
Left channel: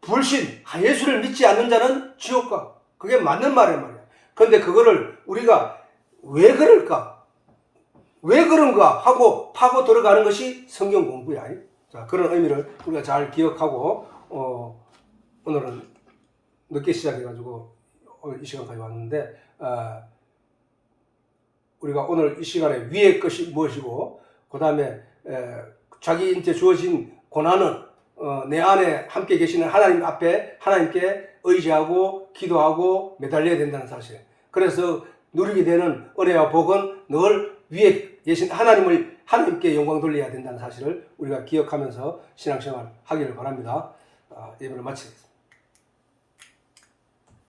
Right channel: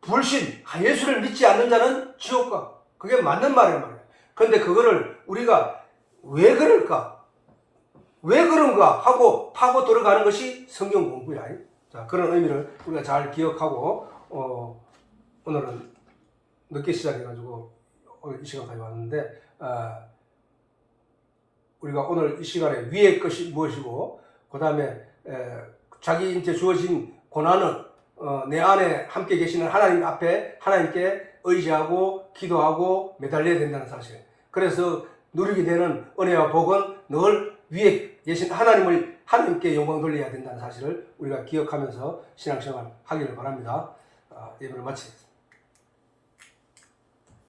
불신, 예수를 믿지 않는 자는 지옥 가. 그게 맞는 말이란 말이야. 근데 그거를 우리가 왜 그럴까? 왜 그런가 하고 파고 들어가는 것이 성경 공부야. 자, 그런 의미를 우리가 잘 기억하고 오늘은 늦게 시작해가지고 오늘 이 시간까지 왔는데 우리가 오늘 이 시간에 위의 것이 무엇이고 그 다음에 자기한테 주어진 고난은 내 안에 함께 계시는 하나님 앞에 하나님께 의지하고 기도하고 매달려야 된다는 사실. 그래서 누리게 되는 은혜와 복은 늘 위에 계신 하나님께 영광 돌려야 된다는 사실을 우리가 기억하면서 신앙생활 하기를 바랍니다. 예배를 마치겠습니다.